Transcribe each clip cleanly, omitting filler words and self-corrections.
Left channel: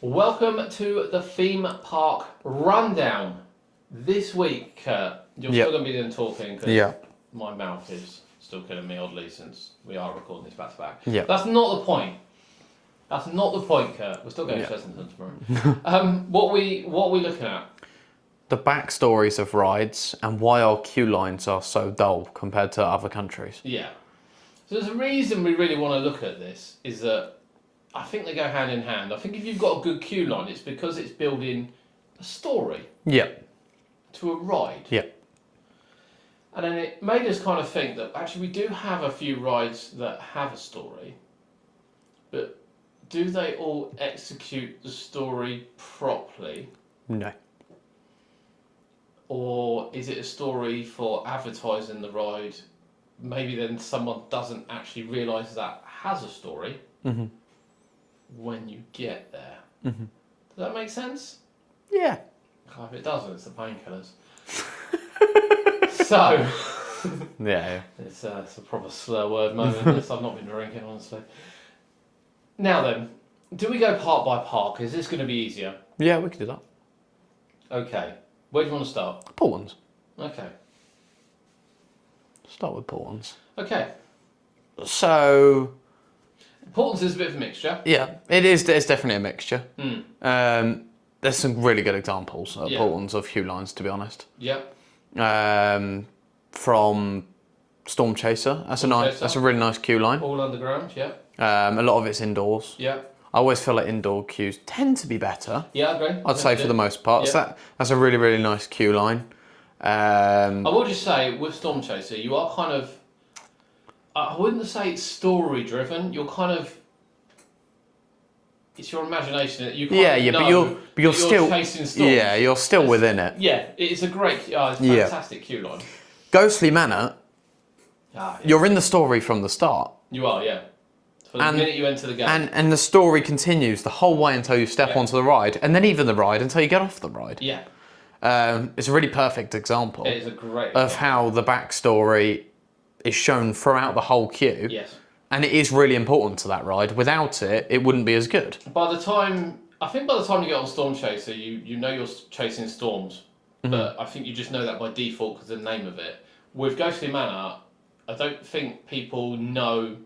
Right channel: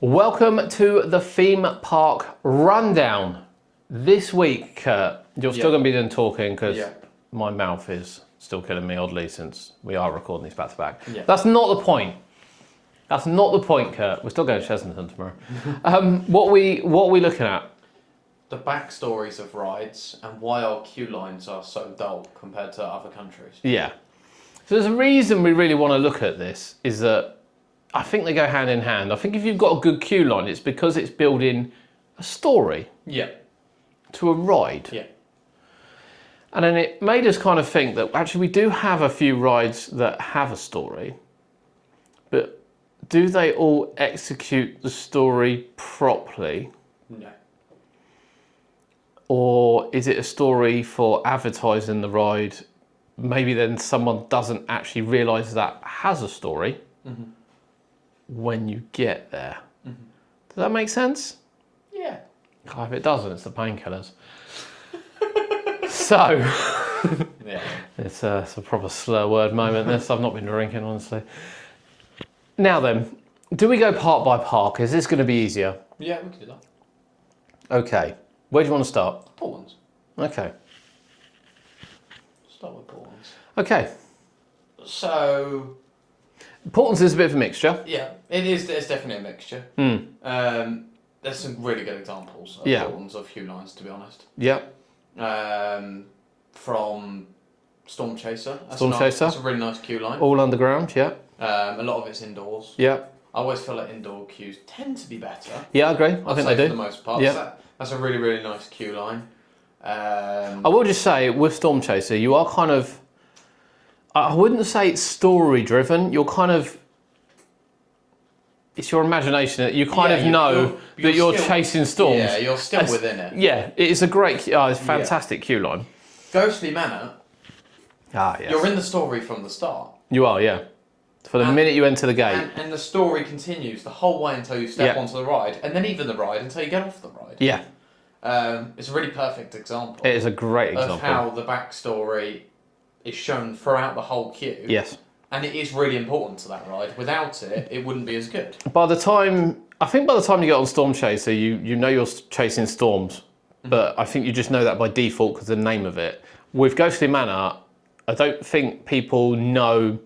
Welcome to the theme park rundown. This week, Kurt, you're still going to be doing talking because my mouth is still killing me oddly since we are recording these back to back. That's not the point. That's not the point, Kurt. We're still going to Chessington tomorrow. What are we looking at? The backstories of rides and why our queue lines are so dull compared to other countries. Yeah. So there's a reason we really want to look at this is that I think they go hand in hand. I think if you've got a good queue line, it's because it's building a story to a ride. And then it made us kind of think that actually we do have a few rides that have a story, but do they all execute the story properly? No. Or is it a story for advertising the ride? Maybe then someone doesn't actually realise that has a story when you get there. Does that make sense? Yeah. If it doesn't, it's the painkillers. So, it's a proper slur word moment. I've not been drinking, honestly. Now then, do we go park by park? Is this going to be easier? Yeah, we could do that. Okay. Where do you want to start? Portland's. Okay. Start with Portland's. Okay. So, Portland's is a bit of a mixture. yeah, it is. It's definitely a mixture. There's some really good examples of Portland's of queue lines, to be honest. Yeah. From Storm Chaser. That's a really nice queue line. All underground, yeah. A lot of it's indoors. Yeah. I always feel like indoor queues tend to be better. Yeah, I agree. I'd say for the most part. Yeah. So that's a really, really nice queue line. I will just say, with Storm Chaser, you are kind of... I wouldn't say it's story driven. You're kind of... It's your imagination that you kind of know but you're still chasing storms. Yeah, you're still within it. Yeah, it is a great... it's a fantastic queue line. Ghostly Manor, yes. You're in the story from the start. You are, yeah. For the minute you enter the gate. And the story continues the whole way until you step onto the ride, and then even the ride until you get off the ride. Yeah. It's a really perfect example. It is a great example. Of how the backstory is shown throughout the whole queue. Yes. And it is really important to that ride. Without it, it wouldn't be as good. I think by the time you get on Storm Chaser, you know you're chasing storms. But I think you just know that by default because of the name of it. With Ghostly Manor, I don't think people know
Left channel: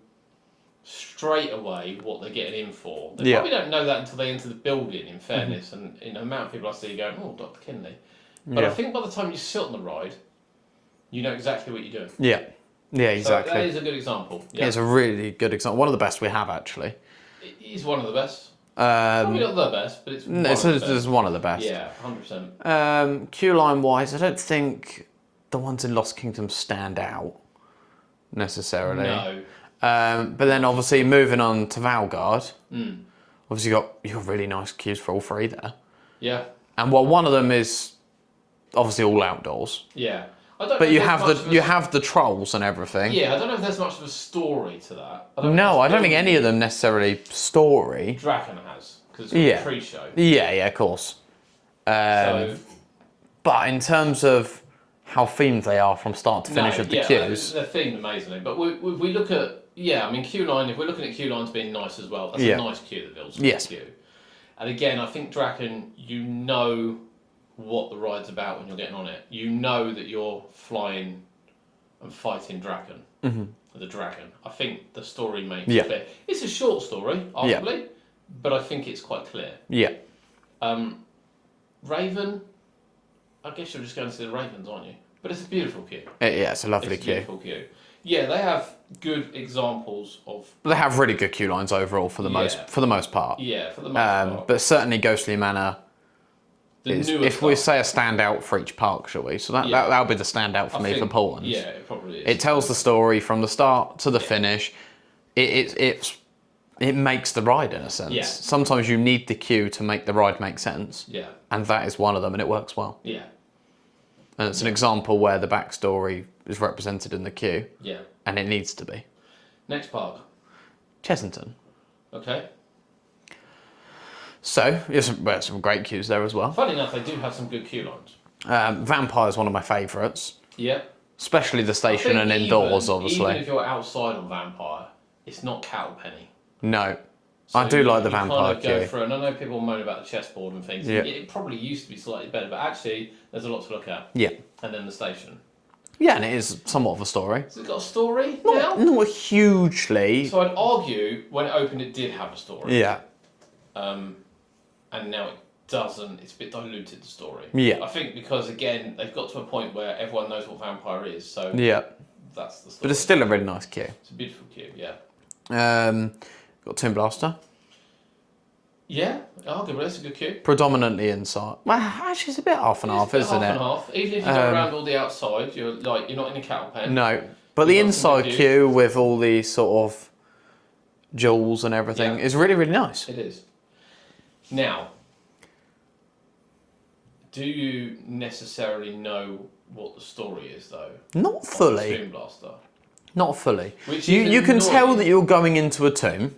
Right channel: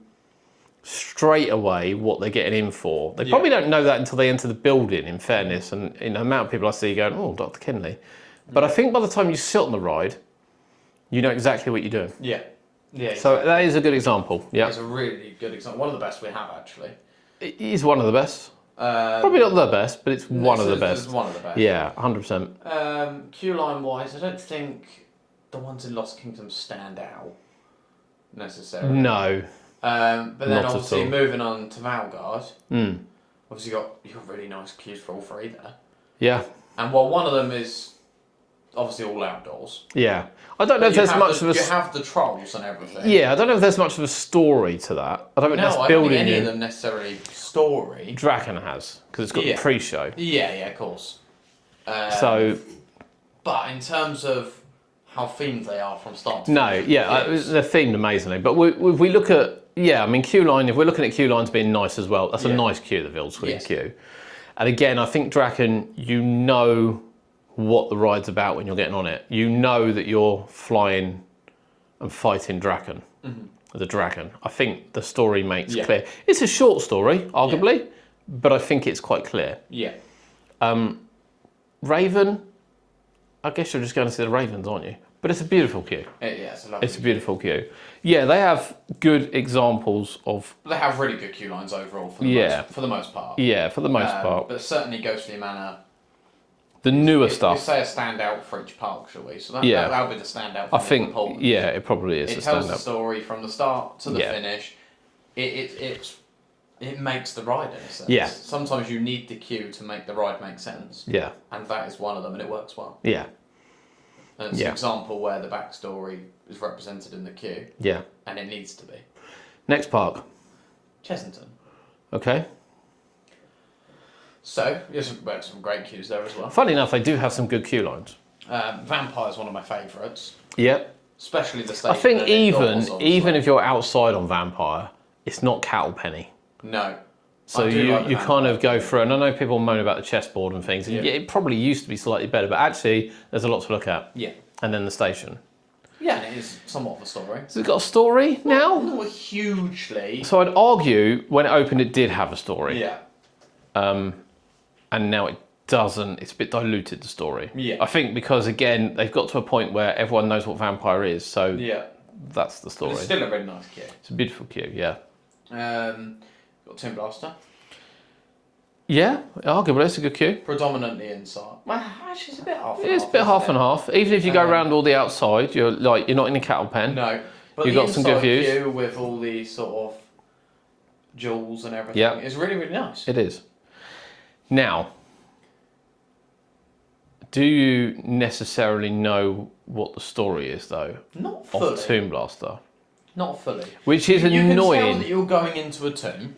straight away what they're getting in for. They probably don't know that until they enter the building, in fairness. And the amount of people I see going, oh, Dr. Kinley. But I think by the time you sit on the ride, you know exactly what you're doing. Yeah. Yeah, exactly. So that is a good example. Yeah, it's a really good example. One of the best we have, actually. It is one of the best. Probably not the best, but it's one of the best. It's one of the best. Yeah, 100%. Queue line wise, I don't think the ones in Lost Kingdom stand out necessarily. No. But then obviously moving on to Valgard, obviously you got really nice queues for all three there. Yeah. And while one of them is obviously all outdoors. Yeah. I don't know if there's much of a... You have the trolls and everything. Yeah, I don't know if there's much of a story to that. I don't think any of them necessarily story. Draken has, because it's got the pre-show. Yeah, of course. But in terms of how themed they are from start to finish with the queues... they're themed amazingly. But if we look at... Yeah, I mean, queue line, if we're looking at queue lines being nice as well, that's a nice queue, the Vildscreen queue. And again, I think Draken, you know what the ride's about when you're getting on it. You know that you're flying and fighting Draken, the dragon. I think the story makes it clear. It's a short story, arguably, but I think it's quite clear. Yeah. Raven, I guess you're just going to see the Ravens, aren't you? But it's a beautiful queue. It's a lovely queue. It's a beautiful queue. Yeah, they have good examples of... They have really good queue lines overall for the most part. Yeah, for the most part. But certainly Ghostly Manor... The newer stuff. If we say a standout for each park, shall we? So that'll be the standout for me for Portland. Yeah, it probably is. It tells the story from the start to the finish. It makes the ride in a sense. Yeah. Sometimes you need the queue to make the ride make sense. Yeah. And that is one of them, and it works well. Yeah. And it's an example where the backstory is represented in the queue. Yeah. And it needs to be. Next park. Chessington. Okay. So, there's some great queues there as well. Funny enough, they do have some good queue lines. Vampire is one of my favourites. Yeah. Especially the station and indoors, obviously. Even if you're outside on Vampire, it's not cattle penny. No. So I do like the you vampire kind of go queue. through, and I know people moan about the chessboard and things. Yeah. It probably used to be slightly better, but actually, there's a lot to look at. Yeah. And then the station. Yeah, and it is somewhat of a story. Has it got a story now? Not hugely. So I'd argue when it opened, it did have a story. Yeah. And now it doesn't. It's a bit diluted, the story. Yeah. I think because, again, they've got to a point where everyone knows what vampire is. So Yeah. that's the story. But it's still a really nice queue. It's a beautiful queue, yeah. Got Tomb Blaster. Yeah, arguably, it's a good queue. Predominantly inside. Well, actually, it's a bit half and It's half, a bit isn't half it? and half. Even if you go around all the outside, you're not in a cattle pen. No. But You've the got some good inside views. queue with all these sort of jewels and everything Yeah. is really, really nice. It is. Now, do you necessarily know what the story is, though? Not Of the fully. Tomb Blaster. Not fully. Which You, is you can tell annoying. that you're going into a tomb.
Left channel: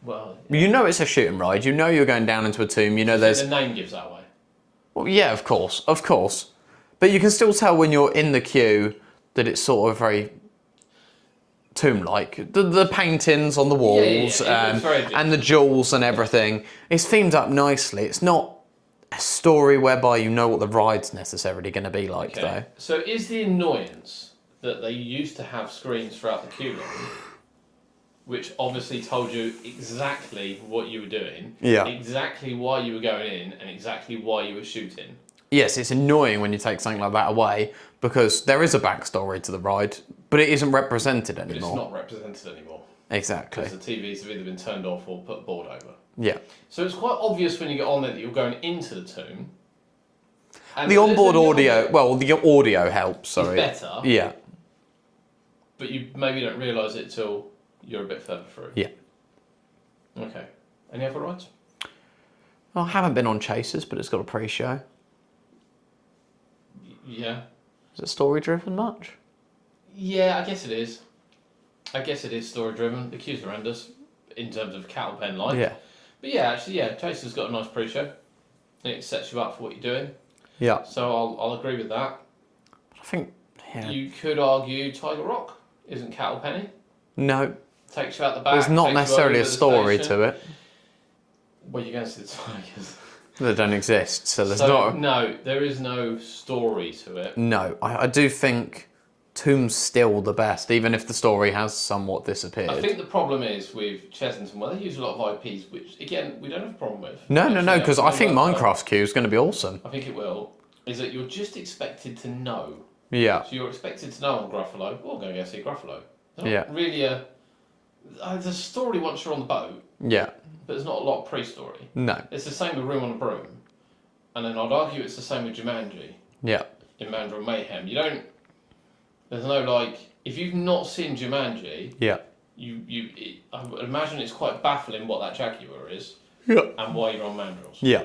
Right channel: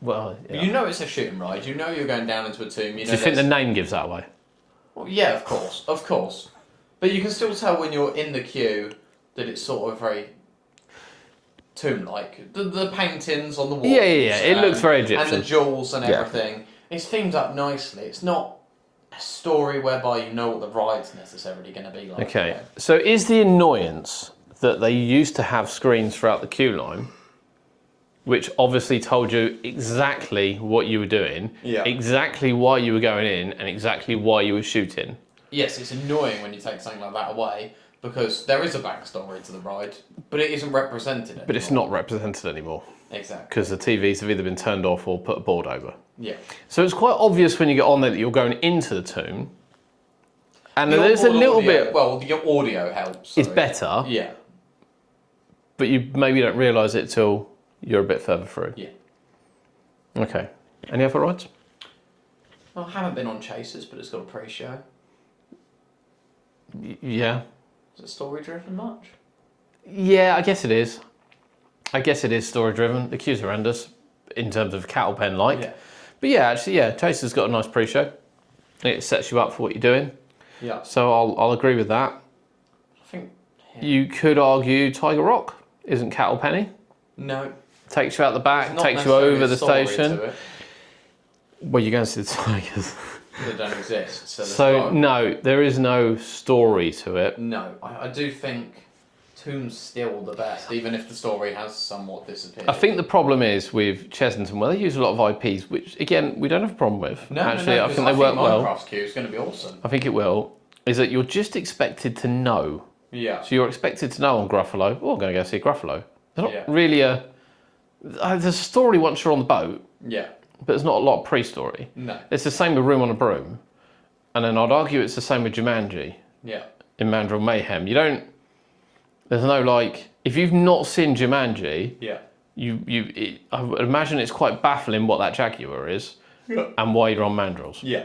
Well, You know it's a shooting ride. You know you're going down into a tomb. You do know you think there's... the name gives that away? Well, yeah, of course. But you can still tell when you're in the queue that it's sort of very tomb-like. The paintings on the walls. Yeah. It looks very Egyptian. And the jewels and everything. It's themed up nicely. It's not a story whereby you know what the ride's necessarily going to be like. Okay. So is the annoyance that they used to have screens throughout the queue line, which obviously told you exactly what you were doing, Yeah. exactly why you were going in, and exactly why you were shooting? Yes, it's annoying when you take something like that away because there is a backstory to the ride, but it isn't represented anymore. But it's not represented anymore Exactly. because the TVs have either been turned off or put a board over. Yeah. So it's quite obvious when you get on there that you're going into the tomb. And The there's a onboard little audio, bit, well, the audio helps. it's sorry. better, Yeah. but you maybe don't realise it till you're a bit further through. Yeah. Okay. Any other rides? Well, I haven't been on Chasers, but it's got a pre-show. Yeah. Is it story-driven much? Yeah, I guess it is. I guess it is story driven. The queue's horrendous in terms of cattle pen like. Yeah. But yeah, actually, yeah, Chaser's got a nice pre-show. It sets you up for what you're doing. Yeah. So I'll agree with that. I think... Yeah. You could argue Tiger Rock isn't cattle penny. No. Takes you out the back, There's not takes you necessarily over a the story station. to it. Well, you're going to see the Tigers. They don't exist, so there's So not... no, there is no story to it. No, I do think Tomb's still the best, even if the story has somewhat disappeared. I think the problem is with Chesington, well, they use a lot of IPs, which again we don't have a problem with. No, Actually, because I they think work well. Minecraft's queue is going to be awesome. I think it will. Is that you're just expected to know. Yeah. So you're expected to know on Gruffalo, oh, I'm going to go see Gruffalo. There's not Yeah. really there's a story once you're on the boat, Yeah. but there's not a lot of pre-story. No. It's the same with Room on a Broom. And then I'd argue it's the same with Jumanji Yeah. in Mandrill Mayhem. There's no like, if you've not seen Jumanji, Yeah. I would imagine it's quite baffling what that Jaguar is Yeah. and why you're on Mandrills. Yeah.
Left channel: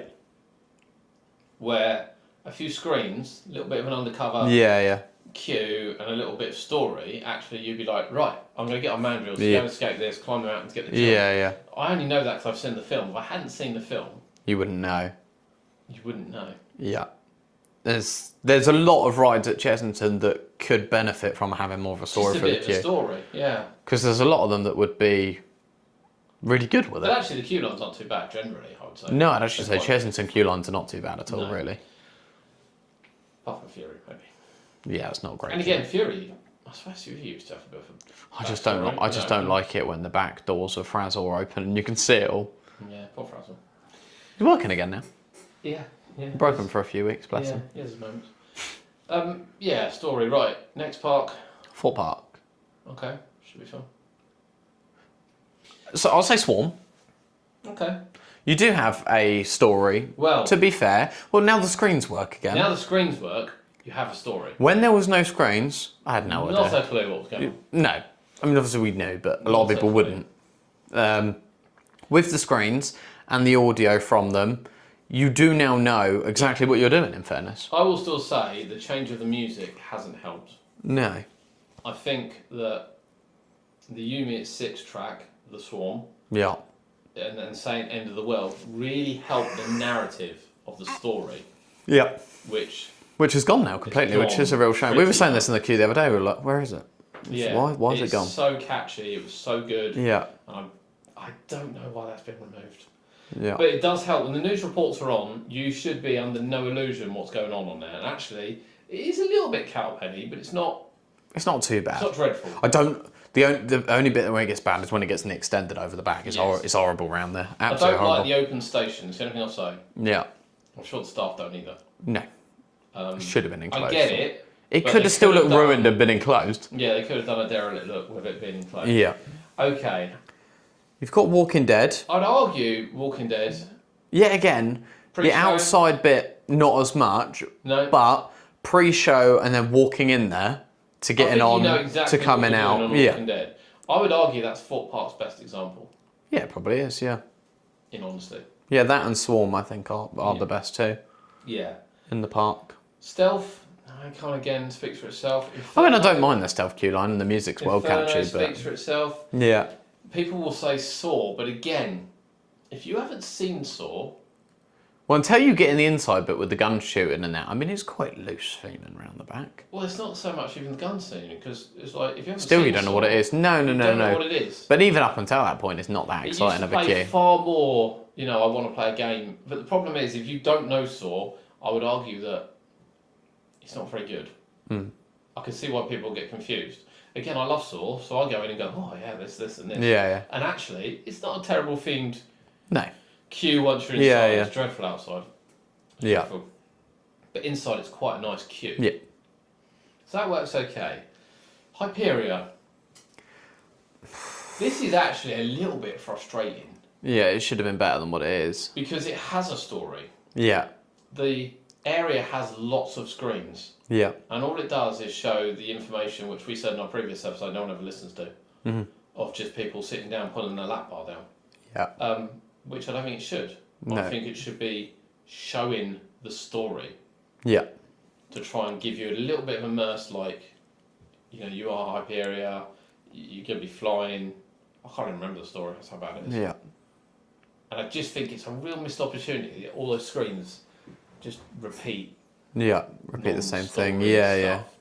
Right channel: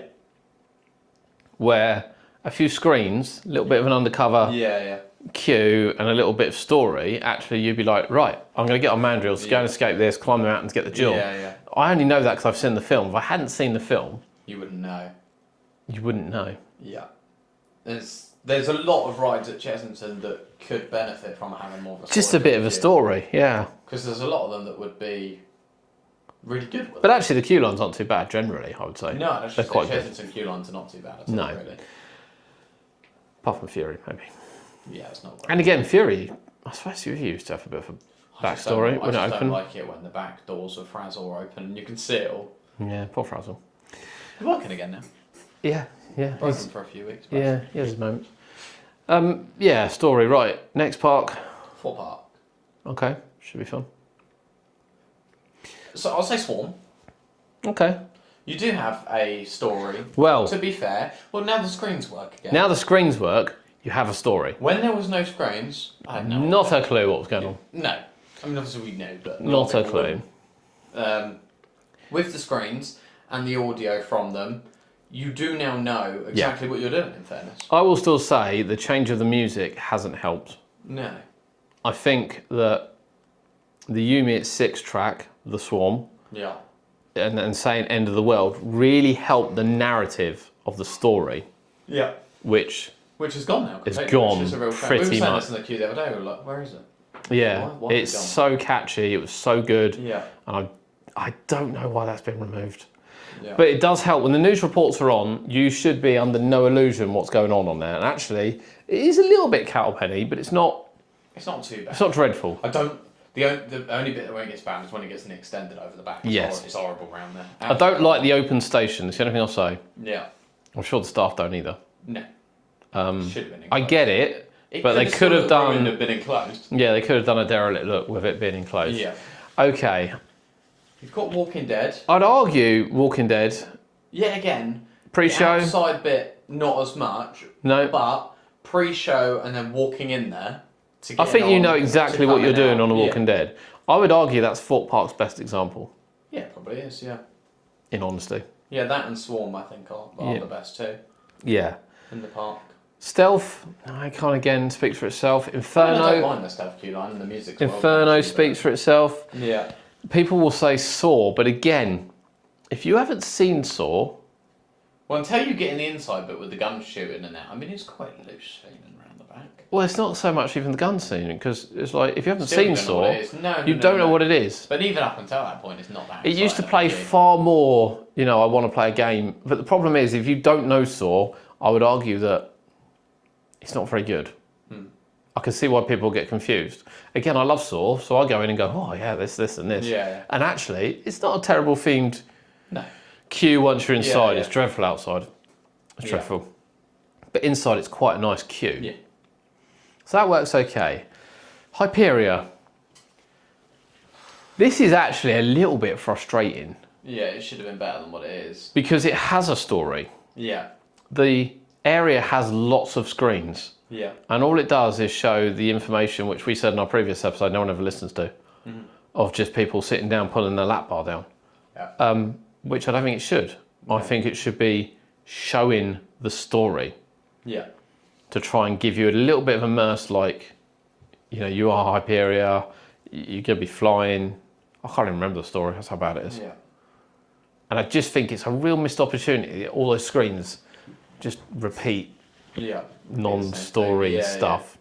Where a few screens, a little bit of an undercover Yeah. queue and a little bit of story, actually you'd be like, right, I'm going to get on Mandrills, go and escape this, climb the mountains, get the jewel. Yeah. I only know that because I've seen the film. If I hadn't seen the film, You wouldn't know. you wouldn't know. Yeah. There's a lot of rides at Chesington that could benefit from having more of a story. Just a bit of a story, yeah. Because there's a lot of them that would be really good with But it. actually the queue line's not too bad generally, I would say. No, I'd actually They're say quite good. Chesington queue lines are not too bad at all, No. really. Apart from Fury, maybe. Yeah, it's not great. And again, Fury, I suppose Fury used to have a bit of a I just backstory. don't, I when just it don't opened. like it when the back doors of Frazzle are open and you can see it all. Yeah, poor Frazzle. He's working again now. Yeah. Broken for a few weeks, bless Yeah, him. he has his moments. Yeah, story, right. Next park. Fort Park. Okay, should be fun. So I'll say Swarm. Okay. You do have a story. Well, To be fair, well, now the screens work again. now the screens work, you have a story. When there was no screens, I had no Not idea. a clue what was going on. No. I mean, obviously we knew, but a Not lot of a people clue. wouldn't. With the screens and the audio from them, you do now know exactly what you're doing, in fairness. I will still say the change of the music hasn't helped. No. I think that the Yumi at 6 track, The Swarm, Yeah. and saying End of the World really helped the narrative of the story, Yeah. which Which has gone now completely, gone which is a real shame. We were pretty saying much. this in the queue the other day, we were like, where is it? yeah, Why has it's it gone? so catchy, it was so good. Yeah. And I don't know why that's been removed. Yeah. But it does help. When the news reports are on, you should be under no illusion what's going on there. And actually, it is a little bit cattle penny, but it's not too bad. it's not dreadful. The only bit where it gets bad is when it gets extended over the back. It's horrible around there. Absolutely I don't like horrible. the open station. That's the only thing I'll say. Yeah. I'm sure the staff don't either. No. Should have been enclosed. I get it. It but could they have still could have looked done- ruined and been enclosed. Yeah, they could have done a derelict look with it being enclosed. Yeah. Okay. You've got Walking Dead. I'd argue Walking Dead. Yet again, Pre-show? the outside bit, not as much. No. But pre-show and then walking in there to get I think on, you know to exactly what you're coming doing out. on The Walking Dead. I would argue that's Fort Park's best example, Yeah, it probably is, yeah. in honesty. Yeah, that and Swarm, I think, are Yeah. the best too Yeah. in the park. Stealth, I can't again speaks for itself. I Inferno, mean, I don't mind the stealth queue line and the music's well Inferno catchy, speaks for itself. but... Yeah. People will say Saw, but again, if you haven't seen Saw, Well, until you get in the inside bit with the gun shooting and that, I mean, it's quite loose feeling around the back. well, it's not so much even the gun scene, because it's like, if you haven't Still, seen you don't Saw, know what it is. No, you don't know what it is. But even up until that point, it's not that It exciting used to of a play queue. far more, I want to play a game. But the problem is, if you don't know Saw, I would argue that it's not very good. I can see why people get confused. Again, I love Saw, so I go in and go, oh yeah, this, and this. Yeah. And actually, it's not a terrible themed No. queue once you're Yeah, inside. yeah. It's dreadful outside. It's Yeah. dreadful. But inside, it's quite a nice queue. Yeah. So that works okay. Hyperia. This is actually a little bit frustrating Yeah, it should have been better than what it is. because it has a story. Yeah. The area has lots of screens, Yeah. and all it does is show the information which we said in our previous episode no one ever listens to, of just people sitting down pulling their lap bar down, Yeah. which I don't think it should. I No. think it should be showing the story Yeah. to try and give you a little bit of immerse, like, you are Hyperia, you're going to be flying. I can't even remember the story, that's how bad it is. Yeah. And I just think it's a real missed opportunity. All those screens just repeat Yeah. non-story Yeah, stuff.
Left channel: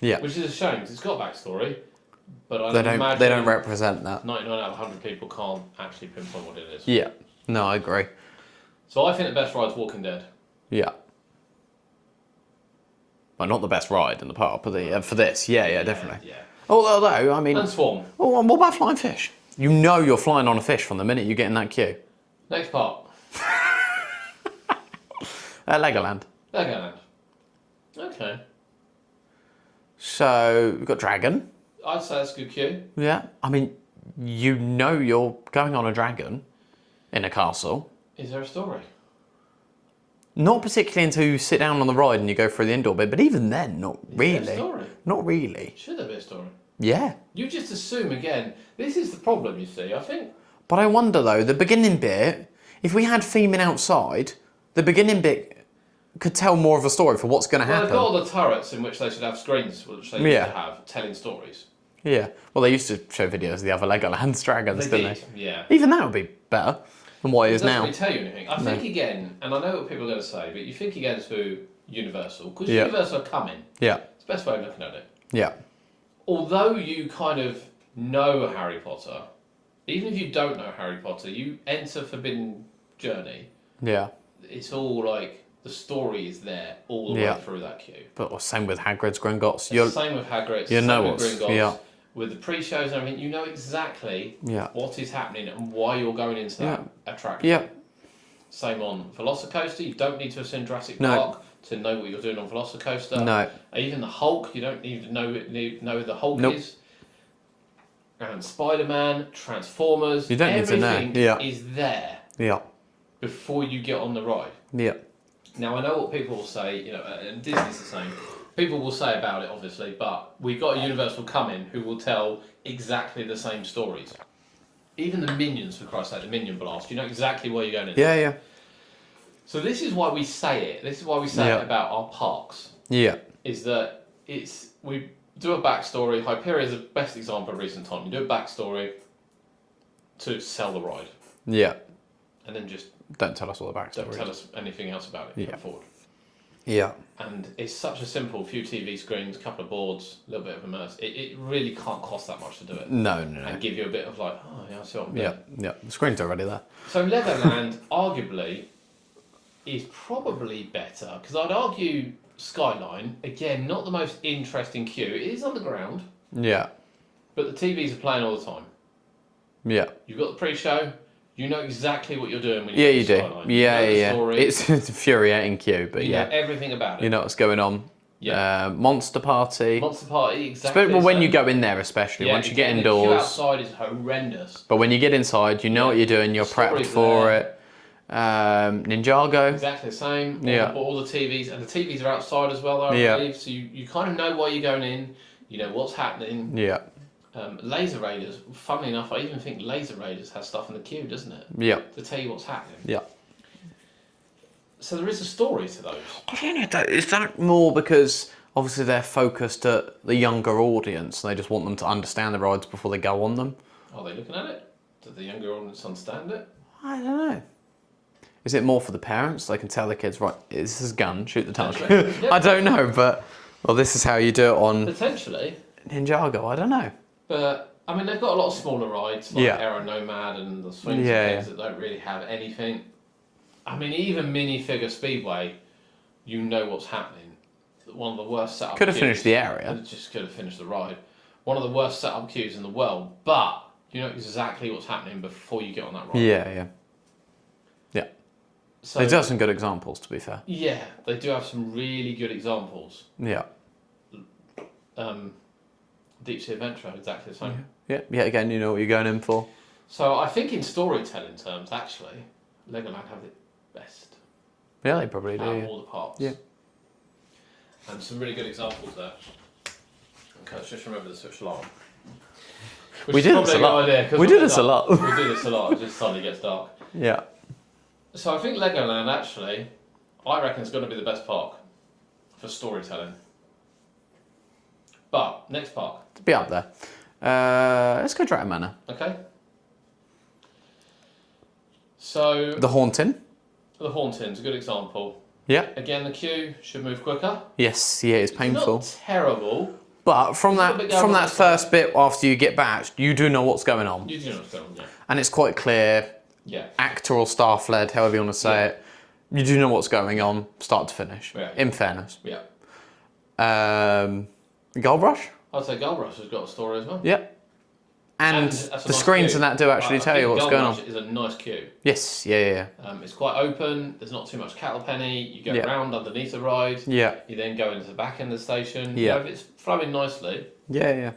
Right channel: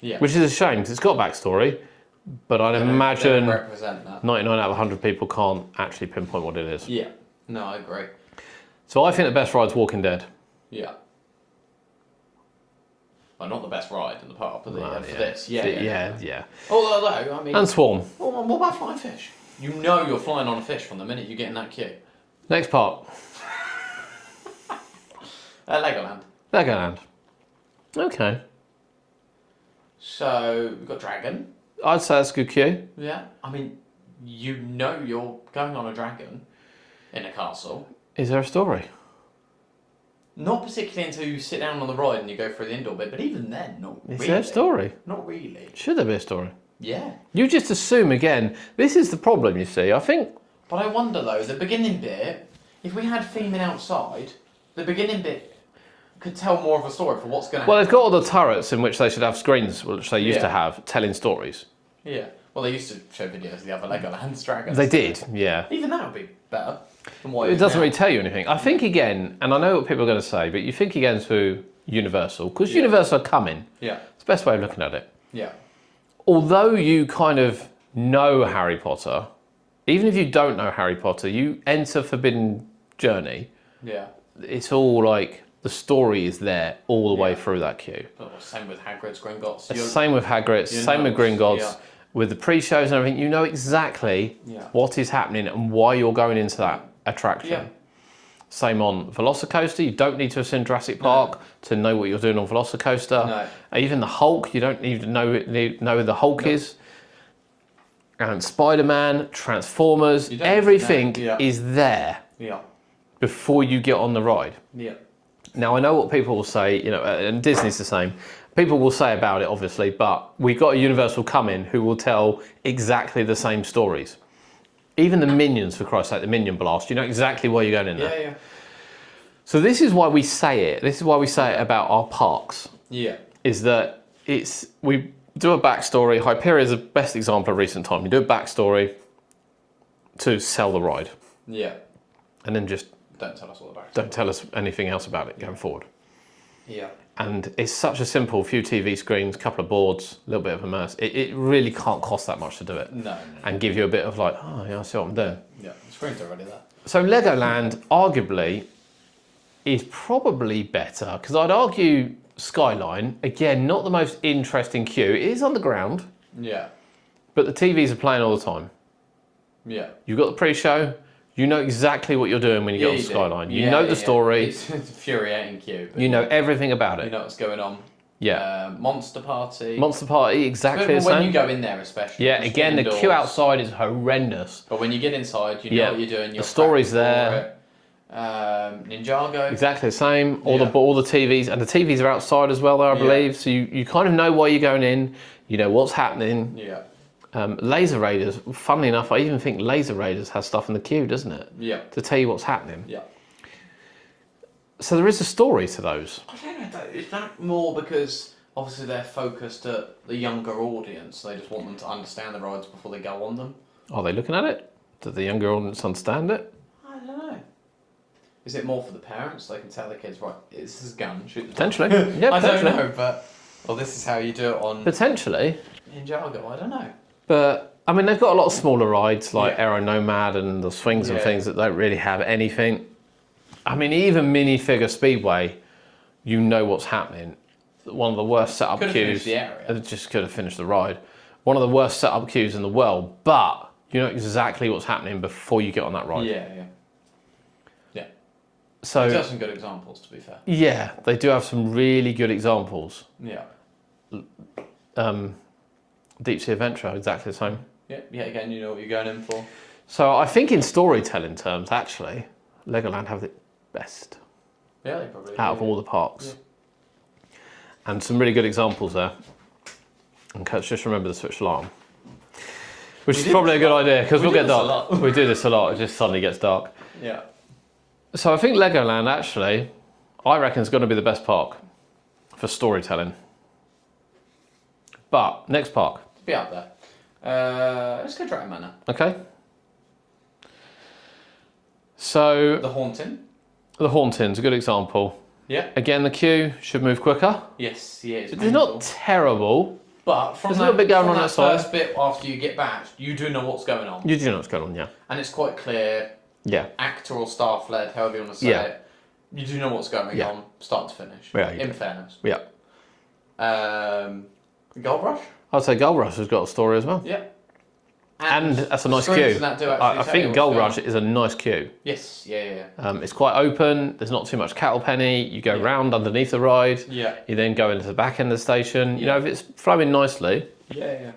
Yeah. Which is a shame, because it's got backstory, but I'd They don't imagine represent that. 99 out of 100 people can't actually pinpoint what it is. Yeah. No, I agree. So I think the best ride's Walking Dead. Yeah. Well, not the best ride in the park, but for this. Yeah, definitely. Yeah. Although, I mean... And Swarm. Oh, and what about flying fish? You know you're flying on a fish from the minute you get in that queue. Next part, Legoland. Legoland. Okay. So, we've got Dragon. I'd say that's a good queue. Yeah. I mean, you know you're going on a dragon in a castle. Is there a story? Not particularly until you sit down on the ride and you go through the indoor bit, but even then, not really. Is there a story? Not really. Should there be a story? Yeah. You just assume, again, this is the problem, you see. I think But I wonder though, the beginning bit, if we had theming outside, the beginning bit could tell more of a story for what's going to happen. Well, they've got all the turrets in which they should have screens, which they used Yeah. to have, telling stories. Yeah. Well, they used to show videos of the other Legoland dragons. They didn't did, yeah. Even that would be better than what it It is doesn't now. really tell you anything. I think again, and I know what people are going to say, but you think again to Universal, because Yeah. Universal are coming. Yeah. It's the best way of looking at it. Yeah. Although you kind of know Harry Potter, even if you don't know Harry Potter, you enter Forbidden Journey, Yeah. it's all like, the story is there all the way Yeah. through that queue. But same with Hagrid's Gringotts. Same with Hagrid's, you same know with what's- Gringotts, yeah. with the pre-shows and everything, you know exactly Yeah. what is happening and why you're going into that attraction. Yeah. Same on Velocicoaster, you don't need to have seen Jurassic No. Park to know what you're doing on Velocicoaster. No. Even the Hulk, you don't even know who the Hulk Nope. is. And Spider-Man, Transformers, You don't need to know. everything Yeah. is there Yeah. before you get on the ride. Yeah. Now, I know what people will say, and Disney's the same. People will say about it, obviously, but we got a Universal coming who will tell exactly the same stories. Even the Minions, for Christ's sake, the Minion Blast, you know exactly where you're going in there. Yeah. So this is why we say it. This is why we say it Yeah. about our parks, Yeah. is that we do a backstory. Hyperia is the best example of recent time. You do a backstory to sell the ride, Yeah. and then just Don't tell us all the backstory. don't tell us anything else about it going forward. Yeah. And it's such a simple few TV screens, couple of boards, a little bit of immerse. It really can't cost that much to do it. No. And give you a bit of like, oh yeah, I see what I'm doing. Yeah. The screen's already there. So Legoland arguably is probably better because I'd argue Skyline, again, not the most interesting queue. It is underground, Yeah. but the TVs are playing all the time. Yeah. You've got the pre-show, you know exactly what you're doing when you get on Skyline. Do. You know the story, It's an infuriating queue, but you know everything about it. you know what's going on. Yeah. Monster Party. Monster Party, exactly But the when same. you go in there, especially. Yeah, once you again, get the indoors, queue outside is horrendous. But when you get inside, you know what you're doing. You're The story's prepped for there. it. Ninjago. Exactly the same. Yeah. All the TVs, and the TVs are outside as well, I Yeah. believe. So you kind of know why you're going in. You know what's happening. Yeah. Laser Raiders, funnily enough, I even think Laser Raiders has stuff in the queue, doesn't it? Yeah. To tell you what's happening. Yeah. So there is a story to those. I don't know. Is that more because obviously they're focused at the younger audience and they just want them to understand the rides before they go on them? Are they looking at it? Do the younger audience understand it? I don't know. Is it more for the parents? They can tell the kids, right, this is a gun, shoot the Potentially. target. Yeah, I don't potentially. know, but well, this is how you do it on Potentially. Ninjago. I don't know. But, I mean, they've got a lot of smaller rides like Yeah. Aero Nomad and the swings and Yeah. things that don't really have anything. I mean, even minifigure Speedway, you know what's happening. One of the worst setup Could have queues. finished the area. It just could have finished the ride. One of the worst setup queues in the world, but you know exactly what's happening before you get on that ride. Yeah. So They do have some good examples, to be fair. yeah, they do have some really good examples. Yeah. Deep Sea Adventure, exactly the same. Yeah. Again, you know what you're going in for. So I think in storytelling terms, actually, Legoland have the best Yeah, they probably do. out of all the parks. Yeah. And some really good examples there. And Kurt's just remember the switch alarm. Which We is do probably this a a good lot. idea because We we'll do get this a dark. lot. We do this a lot. It just suddenly gets dark. Yeah. So I think Legoland actually, I reckon, is going to be the best park for storytelling. But next park, To be up there. Let's go Dragon Manor. okay. So The Haunting. the Hauntings, a good example. Yeah. Again, the queue should move quicker. Yes, yeah, it's It's painful. not terrible. But from There's a little bit that, going from on that that side. first bit after you get back, you do know what's going on. You do know what's going on, yeah. And it's quite clear, Yeah. actor or staff led, however you want to say Yeah. it. You do know what's going on, start to finish. Yeah, In fairness. Yeah. Gold Rush? I'd say Gold Rush has got a story as well. Yeah. And, that's a the nice screens queue. and that do actually I tell you think what's Gold going Rush on. is a nice queue. Yes, yeah. It's quite open. There's not too much cattle penny. You go Yeah. round underneath the ride. Yeah. You then go into the back end of the station. You Yeah. know, if it's flowing nicely, Yeah.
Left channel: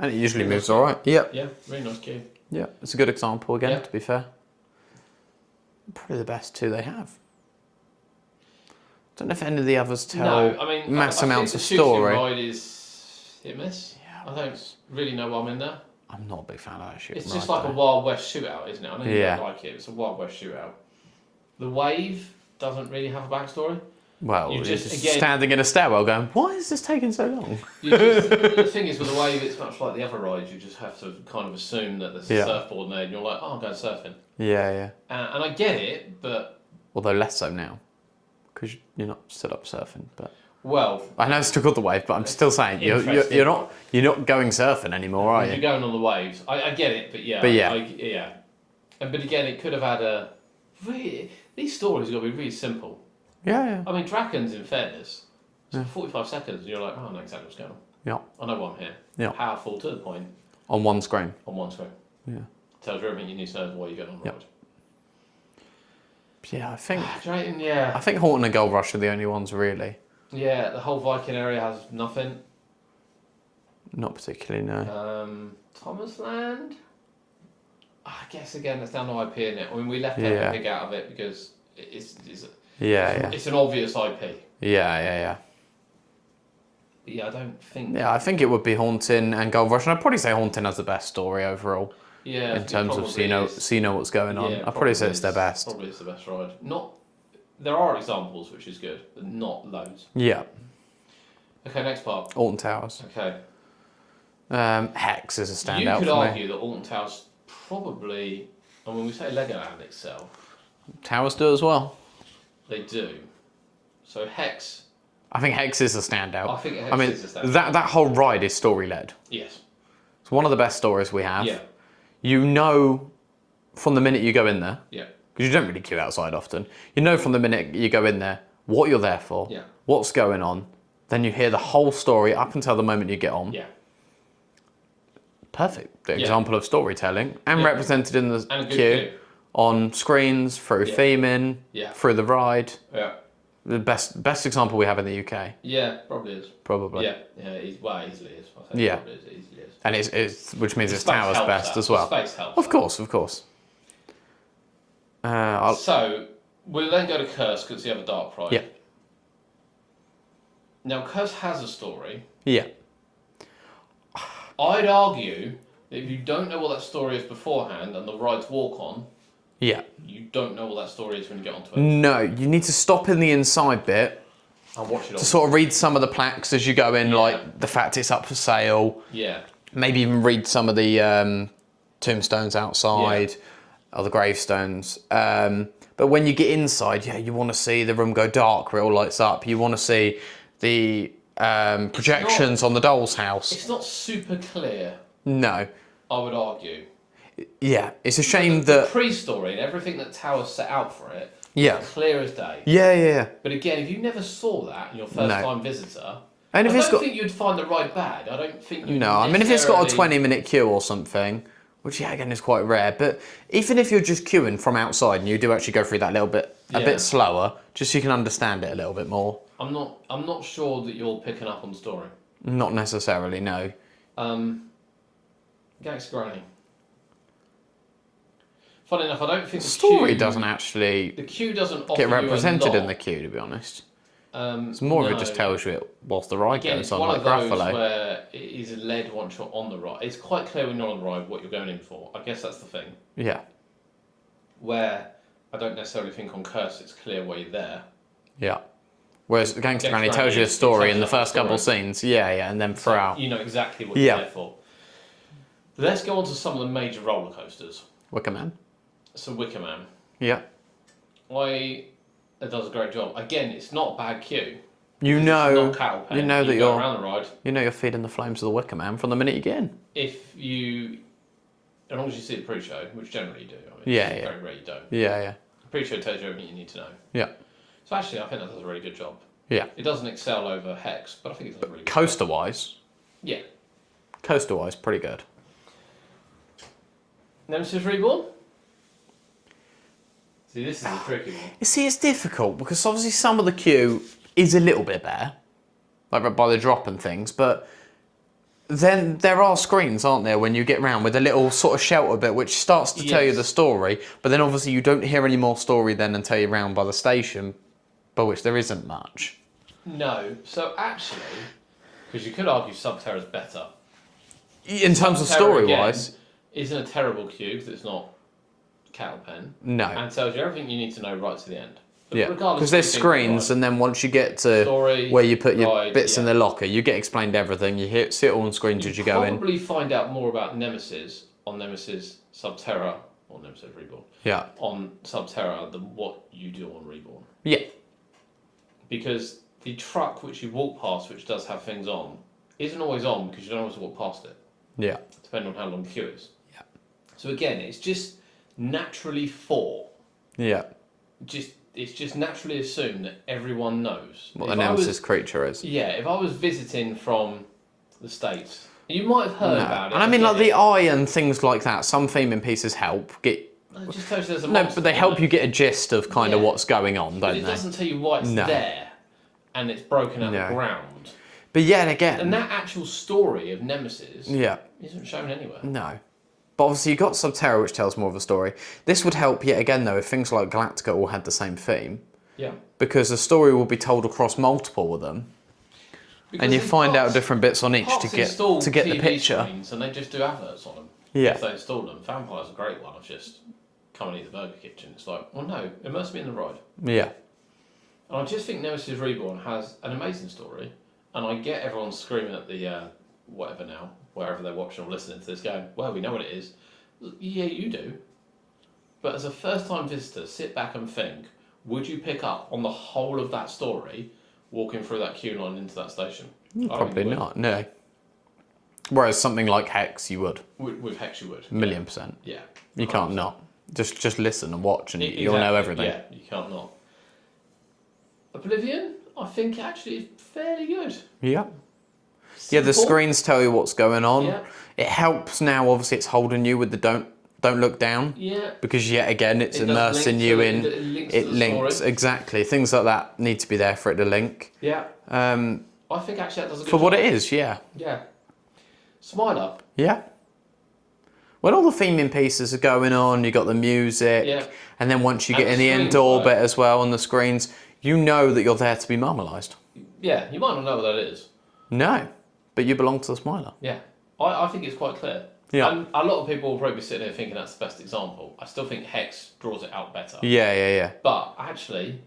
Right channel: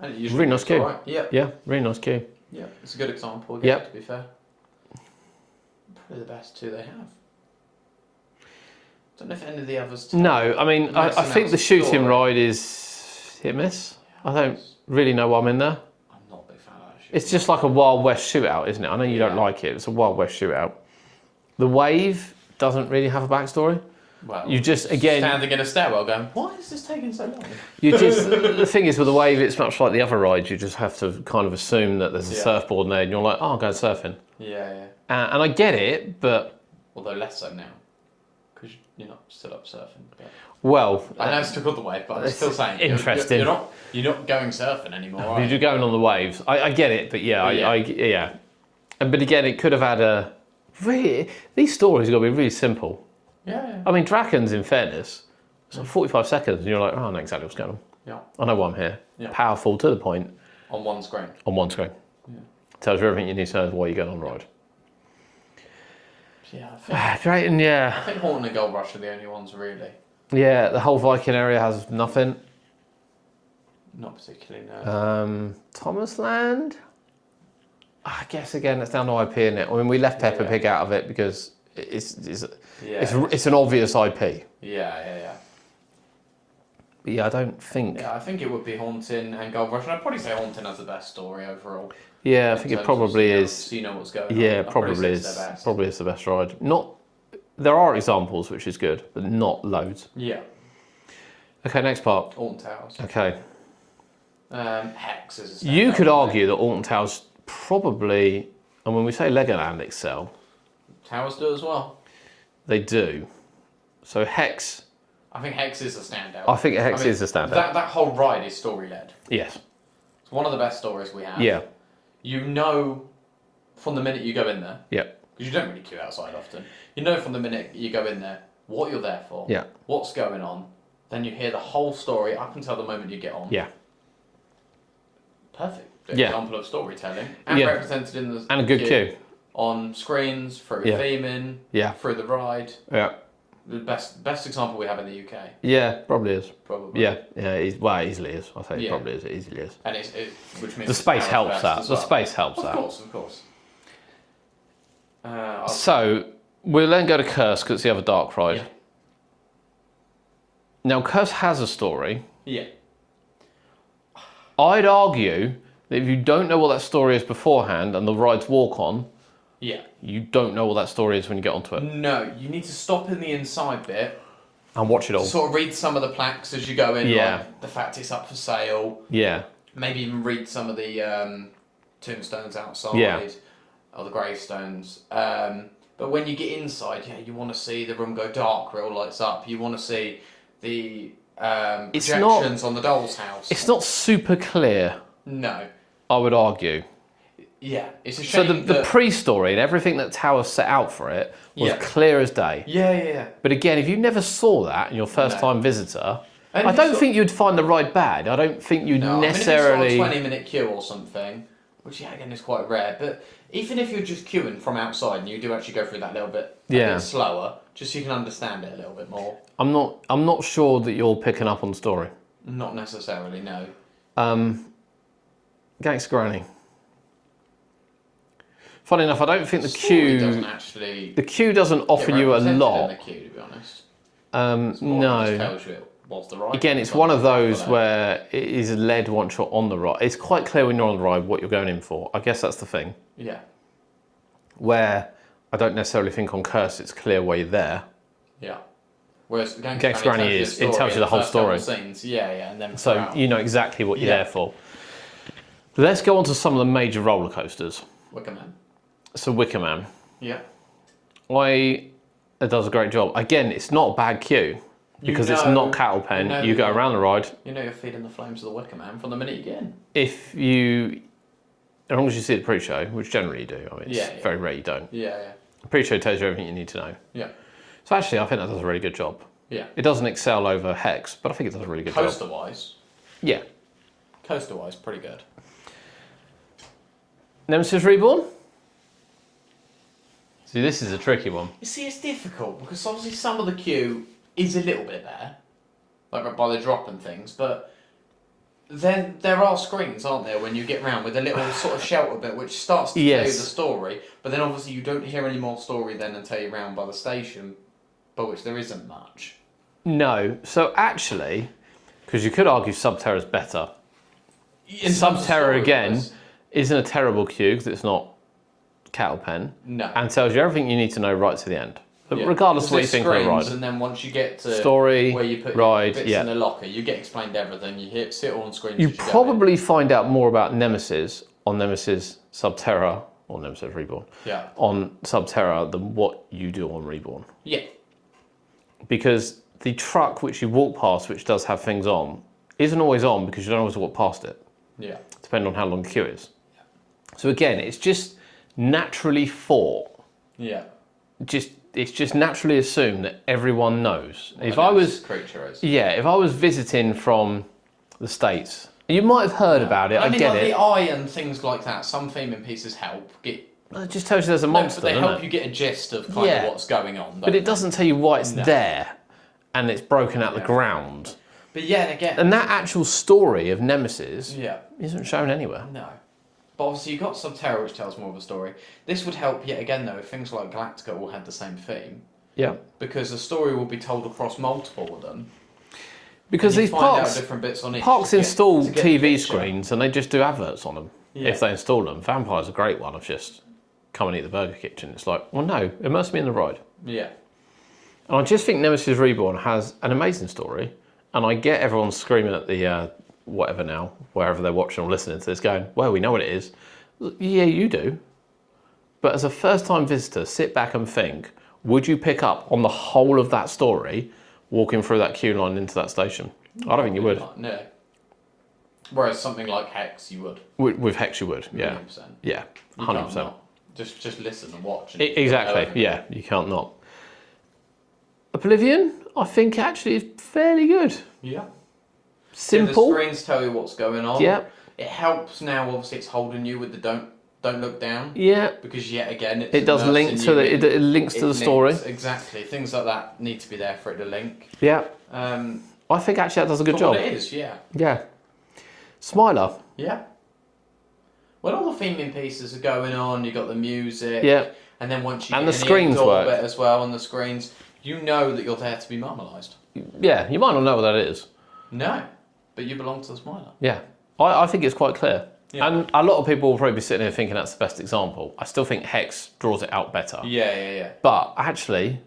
And it usually Really moves nice queue. alright. Yeah. yeah, really nice queue. Yeah. It's a good example again, Yeah. to be fair. Probably the best two they have. Don't know if any of the others tell. No, I mean, I mass think amounts the of shooting story. ride is hit miss. I don't really know why I'm in there. I'm not a big fan of that shooting It's just ride. like a Wild West shootout, isn't it? I know you Yeah. don't like it. It's a Wild West shootout. The Wave doesn't really have a backstory. Well, You just, you're again- standing in a stairwell going, why is this taking so long? You just the thing is with the Wave, it's much like the other rides. You just have to kind of assume that there's a Yeah. surfboard there, and you're like, oh, I'll go surfing. Yeah. And I get it, but Although less so now, because you're not stood up surfing. But well, I know it's still called the wave, but I'm still saying interesting. you're not going surfing anymore, are you're you? going on the waves. I get it, but yeah, But yeah. yeah. But again, it could have had a really. These stories got to be really simple. Yeah. I mean, Dragons, in fairness, it's like 45 seconds, and you're like, oh, I know exactly what's going on. Yeah. I know why I'm here. Yeah. Powerful to the point On one screen. on one screen. Yeah. Tells you everything you need to know why you're going on the ride. Yeah, I think Drayton, yeah. Haunting and Gold Rush are the only ones really. Yeah, the whole Viking area has nothing. Not particularly, no. Thomas Land? I guess again it's down to IP, isn't it? I mean, we left Peppa Yeah. Pig out of it because yeah. it's an obvious IP. Yeah. But yeah, I don't think. Yeah, I think it would be Haunting and Gold Rush, and I'd probably say Haunting has the best story overall. Yeah, I in think it terms of probably is. so you know what's going on. Yeah, I'd probably say it's is their best. Probably is the best ride. Not. There are examples, which is good, but not loads. Yeah. Okay, next part. Alton Towers. Okay. Hex is a standout. You could for me. argue that Alton Towers probably, and when we say Legoland excel, Towers do as well. they do. So Hex, I think Hex is a standout. I think Hex is a standout. That whole ride is story-led. yes. It's one of the best stories we have. Yeah. You know from the minute you go in there, Yeah. because you don't really queue outside often, you know from the minute you go in there what you're there for, Yeah. what's going on, then you hear the whole story up until the moment you get on. Yeah. Perfect. The Yeah. example of storytelling and Yeah. represented in the And a good queue. on screens, through Yeah. theming, Yeah. through the ride. Yeah. The best example we have in the UK, Yeah, probably is. probably. Yeah, yeah, it easily is. I think Yeah. it probably is. It easily is. And it's which means The it's space Tower's helps best that. as The well. space helps Of that. course, of course. So we'll then go to Curse because it's the other dark ride. Yeah. Now Curse has a story. Yeah. I'd argue that if you don't know what that story is beforehand and the rides walk on, Yeah. you don't know what that story is when you get onto it. No, you need to stop in the inside bit And watch it all. to sort of read some of the plaques as you go in, Yeah. like the fact it's up for sale. Yeah. Maybe even read some of the tombstones outside, or the gravestones. But when you get inside, you want to see the room go dark where it all lights up. You want to see the projections on the doll's house. It's not super clear, No. I would argue. Yeah, it's a So shame the that... pre-story and everything that Tower set out for it was Yeah. clear as day. Yeah. But again, if you never saw that and you're first time visitor, And I if it's don't got- think you'd find the ride bad. I don't think you'd No, I mean, if necessarily... it's got a 20-minute queue or something, which, again, is quite rare, but even if you're just queuing from outside and you do actually go through that little bit, a Yeah. bit slower, just so you can understand it a little bit more. I'm not sure that you're picking up on the story. Not necessarily, no. Gangster Granny. Funny enough, I don't think the Story queue doesn't actually the queue doesn't get offer you a represented lot. in the queue, to be honest. It's More of it just tells you it whilst the ride Again, goes it's on, one like of those Gruffalo. where it is led once you're on the ride. It's quite clear when you're on the ride what you're going in for. I guess that's the thing. Yeah, Where I don't necessarily think on Curse it's clear why you're there. yeah. Whereas the Gangster Gangster Granny tells Granny you a is- it tells story you in the the whole first couple of story. scenes. Yeah, and then So throughout. you know exactly what you're Yeah. there for. Let's go on to some of the major roller coasters. Wicker Man. So Wicker Man. Yeah. It does a great job. Again, it's not a bad queue. Because it's know- not cattle pen. you know You that go you're- around the ride. You know you're feeding the flames of the Wicker Man from the minute you get in. As long as you see the pre-show, which generally you do. I mean, it's Yeah. very rare you don't. Yeah. The pre-show tells you everything you need to know. Yeah. So actually, I think that does a really good job. Yeah. It doesn't excel over Hex, but I think it does a really good Coaster-wise, job. coaster-wise, pretty good. Nemesis Reborn? See, this is a tricky one. You see, it's difficult because obviously some of the queue is a little bit there, like by the drop and things, but then there are screens, aren't there, when you get round with a little sort of shelter bit which starts to tell you Yes. the story, but then obviously you don't hear any more story then until you're round by the station, by which there isn't much. No. So actually, because you could argue Subterra's better. In terms of Subterra, again, story-wise, isn't a terrible queue because it's not cattle pen. no. And tells you everything you need to know right to the end. But Yeah. regardless of what you there's think of the screens, ride. and then once you get to Story, where you put ride, your bits yeah. in the locker, you get explained everything. You see it all on screens You as you go in. probably find out more about Nemesis on Nemesis Subterra, or Nemesis Reborn, Yeah. on Subterra than what you do on Reborn. Yeah. Because the truck which you walk past, which does have things on, isn't always on because you don't always walk past it, Yeah. depending on how long the queue is. Yeah. So again, it's just naturally thought. Yeah. It's just naturally assumed that everyone knows. What If a I Nemesis was, creature is. yeah, if I was visiting from the States, you might have heard about it. And I mean, get like it. the eye and things like that. Some theming pieces help get. It just tells you there's a No, monster. but they doesn't help it? you get a gist of kind Yeah. of what's going on. But it doesn't tell you why it's there, and it's broken out the No. ground. But yet again. And that actual story of Nemesis Yeah. isn't shown anywhere. No. But obviously you've got Subterra, which tells more of the story. This would help yet again, though, if things like Galactica all had the same theme. Yeah, Because the story will be told across multiple of them. because And you these find parks, out different bits on each parks to get, install to get the TV picture. screens and they just do adverts on them Yeah. if they install them. Vampire's a great one of just come and eat the burger kitchen. It's like, well, no, immerse me in the ride. Yeah. And I just think Nemesis Reborn has an amazing story, and I get everyone screaming at the whatever now, wherever they're watching or listening to this, going, "Well, we know what it is." Yeah, you do. But as a first-time visitor, sit back and think, would you pick up on the whole of that story walking through that queue line into that station? I don't think you would. Not, no. Whereas something like Hex, you would. With Hex, you would. Million percent. Yeah. You 100%. can't not. Just listen and watch and Exactly. you'll know everything. Yeah, you can't not. Oblivion, I think actually is fairly good. Yeah. Simple. Yeah, the screens tell you what's going on. Yeah. It helps now, obviously, it's holding you with the don't look down. Yeah. Because yet again, it's It does link immersing to you the, in. it links to the story. Exactly. Things like that need to be there for it to link. Yeah. Um, I think actually that does a good for job. what it is, yeah. Yeah. Smiler. Yeah. When all the theming pieces are going on, you got the music. Yeah. And then once you And get the in the screens indoor work. bit as well on the screens, you know that you're there to be marmalised. Yeah, you might not know what that is. No. But you belong to the Smiler. Yeah. I think it's quite clear. Yeah. And a lot of people will probably be sitting here thinking that's the best example. I still think Hex draws it out better. Yeah. But actually,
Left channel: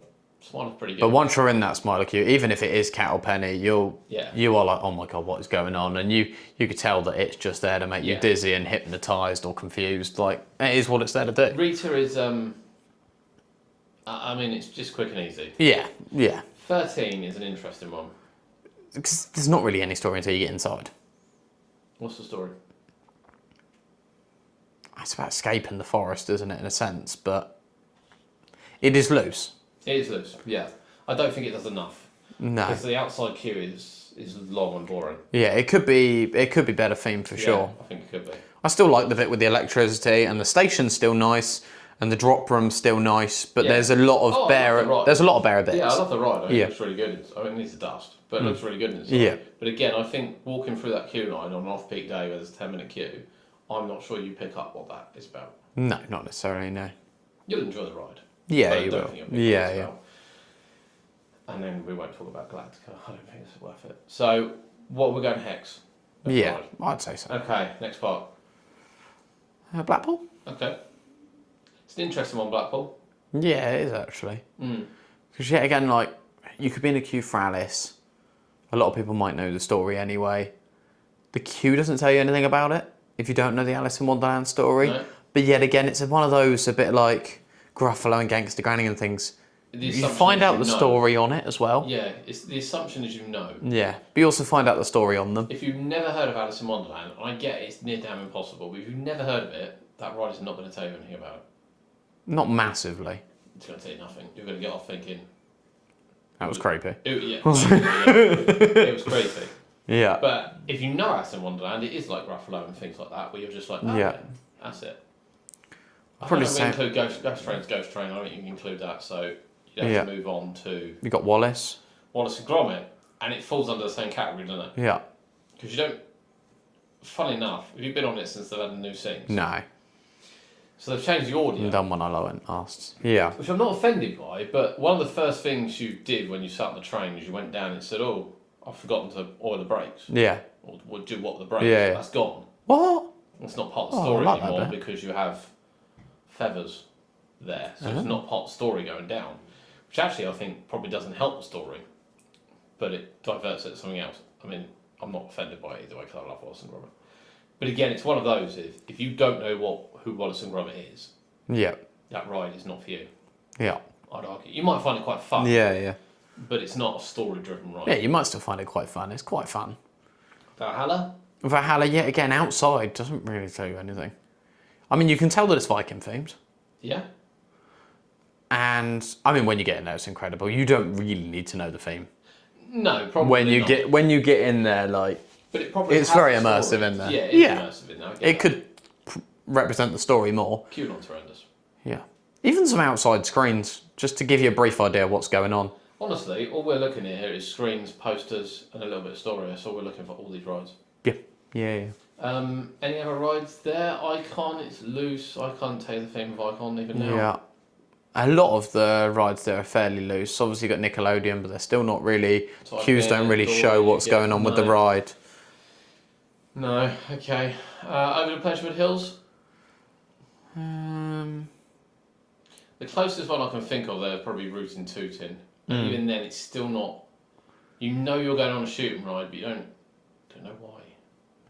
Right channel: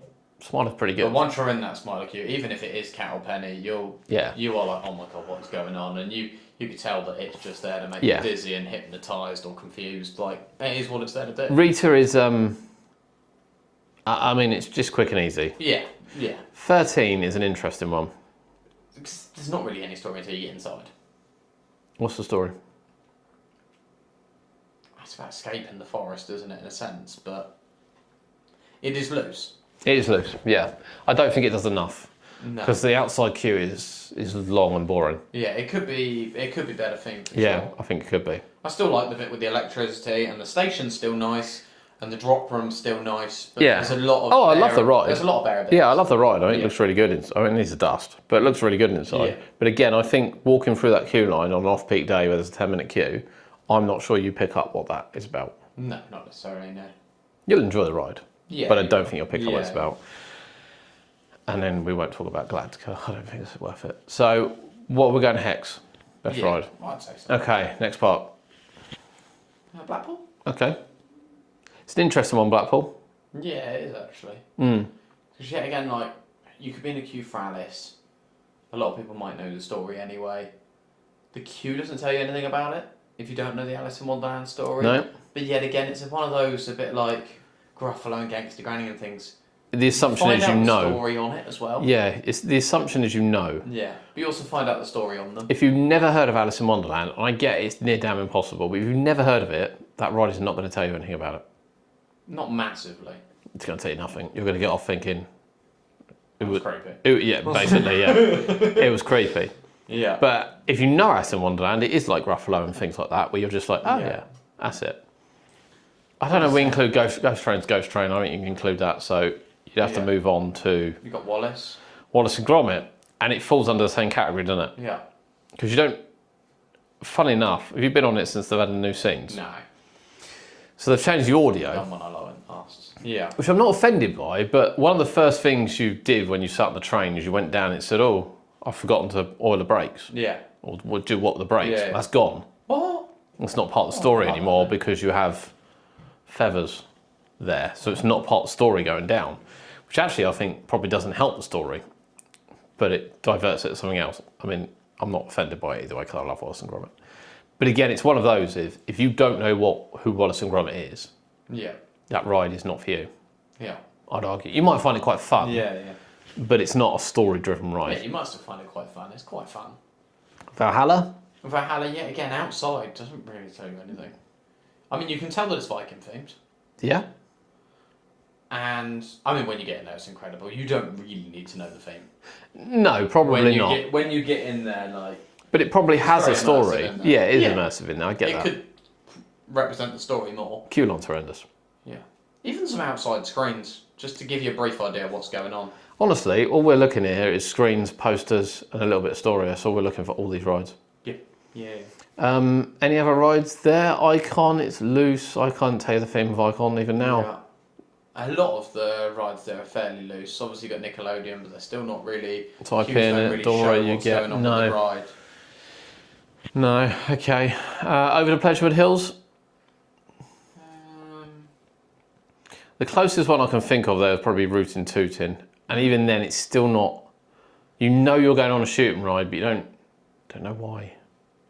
Smiler's pretty good. But once you're in that Smiler queue, even if it is cattle penny, you are like, oh my god, what is going on? And you could tell that it's just there to make you dizzy and hypnotised or confused. Like, it is what it's there to do. Rita is, I mean, it's just quick and easy. Yeah. 13 is an interesting one. Because there's not really any story until you get inside. What's the story? It's about escaping the forest, isn't it, in a sense? But it is loose. It is loose, yeah. I don't think it does enough. No. Because the outside queue is long and boring. Yeah, it could be better themed for sure. I think it could be. I still like the bit with the electricity, and the station's still nice, and the drop room's still nice, but Yeah. there's a lot of I love the ride. There's a lot of bare bits. Yeah, I love the ride. I think it looks really good. I mean, it needs a dust, but it looks really good inside. Yeah. But again, I think walking through that queue line on an off-peak day where there's a 10-minute queue, I'm not sure you pick up what that is about. No, not necessarily, no. You'll enjoy the ride. Yeah, but I you don't will. think you'll pick up what it's about. And then we won't talk about Galactica. I don't think it's worth it. So, what we're going to Hex? Best ride. I'd say so. Okay, next part. Blackpool? Okay. It's an interesting one, Blackpool. Yeah, it is actually. Because yet again, like, you could be in a queue for Alice. A lot of people might know the story anyway. The queue doesn't tell you anything about it if you don't know the Alice in Wonderland story. No. But yet again, it's one of those a bit like Gruffalo and Gangster Granny and things. The You assumption find is out you the know. story on it as well. Yeah, it's the assumption is you know. Yeah. But you also find out the story on them. If you've never heard of Alice in Wonderland, I get it's near damn impossible, but if you've never heard of it, that ride is not going to tell you anything about it. Not massively. It's going to tell you nothing. You're going to get off thinking... That was creepy. Yeah, basically, yeah. It was creepy. Yeah. But if you know Alice in Wonderland, it is like Gruffalo and things like that, where you're just like, oh, Yeah. yeah, that's it. I don't know if we include Ghost Train. I think you can include that, so you'd have to move on to You got Wallace. Wallace and Gromit, and it falls under the same category, doesn't it? Yeah. Because you don't... Funny enough, have you been on it since they've had the new scenes? No. So they've changed the audio. Done when I went asked. Yeah. Which I'm not offended by, but one of the first things you did when you sat on the train is you went down and it said, oh, I've forgotten to oil the brakes. Yeah. Or do what the brakes. Yeah. That's gone. What? It's not part of the story I like that anymore then. because you have feathers there. So it's not part of the story going down, which actually I think probably doesn't help the story, but it diverts it to something else. I mean, I'm not offended by it either way because I love Wallace and Gromit. But again, it's one of those, if you don't know who Wallace and Gromit is, Yeah. that ride is not for you. Yeah. I'd argue. You might find it quite fun, Yeah. but it's not a story-driven ride. Yeah, you might still find it quite fun. It's quite fun. Valhalla? Valhalla, yet again, outside doesn't really tell you anything. I mean, you can tell that it's Viking themed. Yeah. And, I mean, when you get in there, it's incredible. You don't really need to know the theme. No, probably not. When you get in there, like... But it probably It's has very a story. immersive in there. Yeah, it is Yeah. immersive in there. I get It that. could represent the story more. Queue line's horrendous. Yeah. Even some outside screens, just to give you a brief idea of what's going on. Honestly, all we're looking at here is screens, posters, and a little bit of story. That's all we're looking for all these rides. Yeah. Any other rides there? Icon, it's loose. I can't tell you the theme of Icon even now. Yeah. A lot of the rides there are fairly loose. Obviously, you've got Nickelodeon, but they're still not really... Type Queues in don't it, really don't show worry, what's you get- going on with no. the ride. No, okay. Over the Pleasurewood Hills. The closest one I can think of there is probably Rootin' Tootin'. And even then, it's still not... You know you're going on a shooting ride, but you don't know why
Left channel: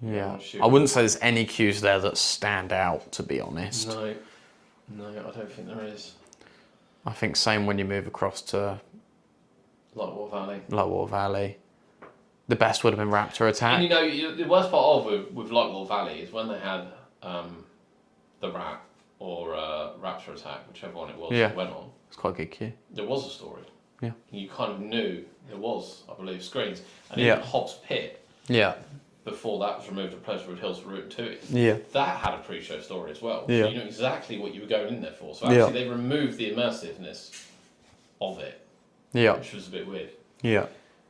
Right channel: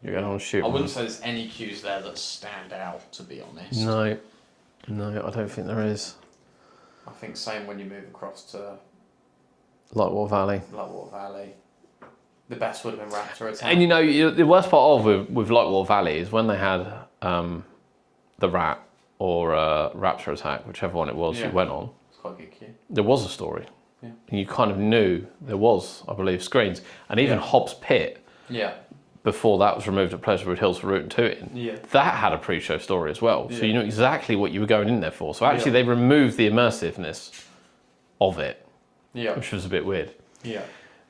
you're going on a shooting I wouldn't say there's any queues there that stand out, to be honest. No, I don't think there is. I think same when you move across to Lightwater Valley. Lightwater Valley. The best would have been Raptor Attack. And the worst part of with Lightwater Valley is when they had the Rat or Raptor Attack, whichever one it was that went on. It's quite a good queue. There was a story. Yeah. And you kind of knew there was, I believe, screens. And even Hobbs Pit, before that was removed at Pleasurewood Hills for Route and Tooting, that had a pre-show story as well. So you knew exactly what you were going in there for. So actually they removed the immersiveness of it, which was a bit weird. Yeah.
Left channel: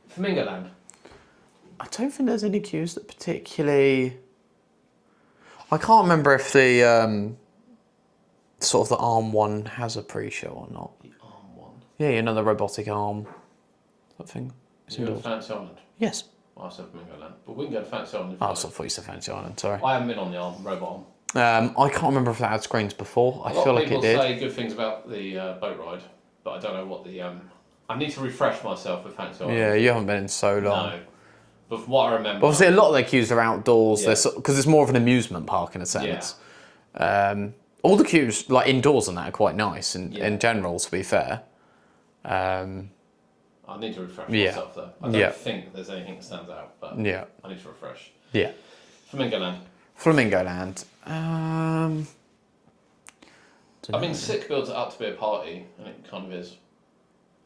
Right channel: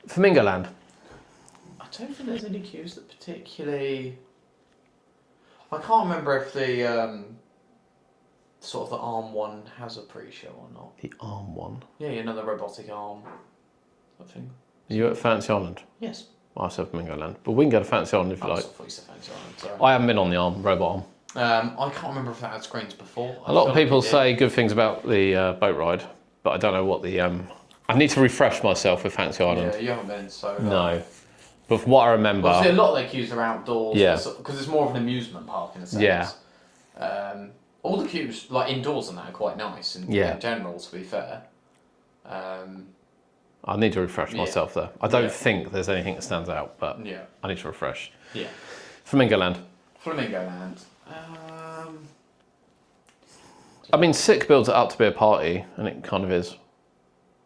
Flamingo Land. I don't think there's any queues that particularly... I can't remember if the sort of the arm one has a pre-show or not. The arm one? Yeah, the robotic arm. That thing. Are you at Fancy Island? Yes. Well, I said Flamingo Land. But we can go to Fancy Island if you like. I thought you said Fancy Island, sorry. I haven't been on the robot arm. I can't remember if that had screens before. A lot of people say good things about the boat ride, but I don't know what the... I need to refresh myself with Fancy Island. Yeah, you haven't been in so long. No. But from what I remember... Well, obviously, a lot of their queues are outdoors, because it's more of an amusement park in a sense. Yeah. All the queues, like indoors and that, are quite nice in general, to be fair. I need to refresh myself there. I don't think there's anything that stands out, but I need to refresh. Yeah. Flamingo Land. Flamingo Land. I mean, Sick builds it up to be a party, and it kind of is.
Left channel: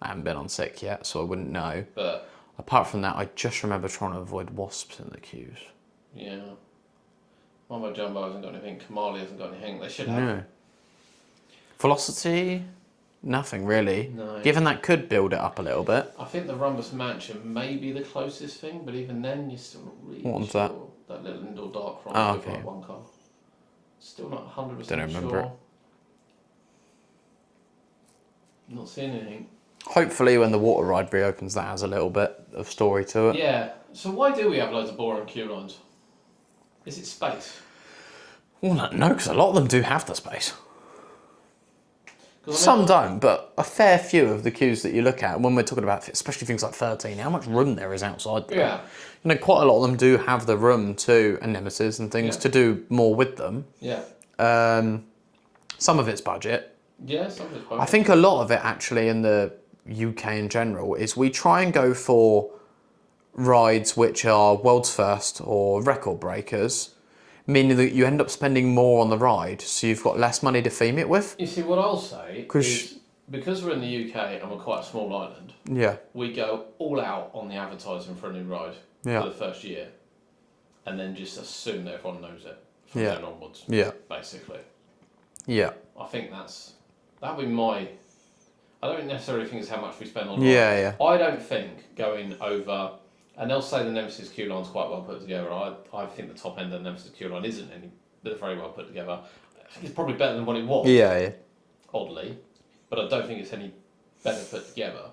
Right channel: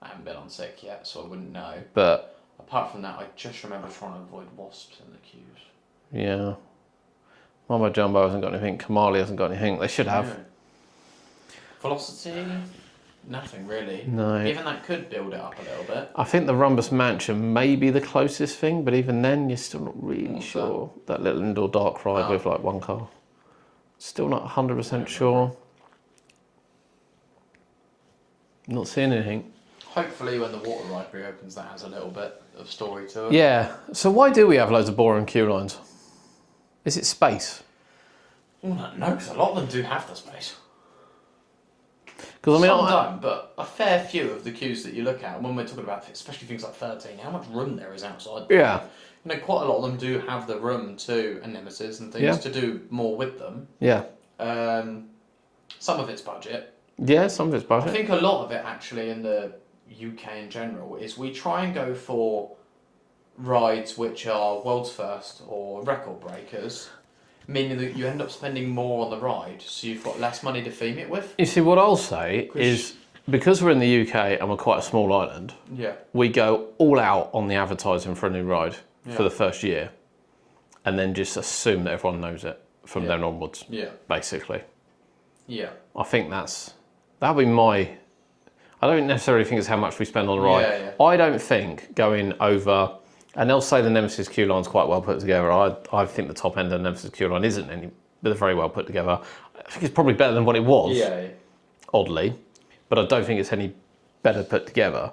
I haven't been on Sick yet, so I wouldn't know. But apart from that, I just remember trying to avoid wasps in the queues. Yeah. Mambo Jumbo hasn't got anything. Kamali hasn't got anything. They should have. No. Velocity? Nothing really. No. Given that could build it up a little bit. I think the Rumbus Mansion may be the closest thing, but even then, you're still not really sure. That little indoor dark ride with like one car. Still not 100% sure. Not seeing anything. Hopefully when the water ride reopens, that has a little bit of story to it. Yeah. So why do we have loads of boring queue lines? Is it space? Well, no, because a lot of them do have the space. I mean, some don't, but a fair few of the queues that you look at, when we're talking about, especially things like 13, how much room there is outside. Yeah. Quite a lot of them do have the room to, and Nemesis and things, to do more with them. Yeah. Some of it's budget. Yeah, some of it's budget. I think a lot of it, actually, in the UK in general, is we try and go for rides which are world's first or record breakers, meaning that you end up spending more on the ride, so you've got less money to theme it with. You see, what I'll say is, because we're in the UK and we're quite a small island, we go all out on the advertising for a new ride for the first year, and then just assume that everyone knows it from then onwards, basically. Yeah. I think that'll be my... I don't necessarily think it's how much we spend on the ride. I don't think going over... And they'll say the Nemesis queue line's quite well put together. I think the top end of the Nemesis queue line isn't any, but they're very well put together. I think it's probably better than what it was. Oddly, but I don't think it's any better put together.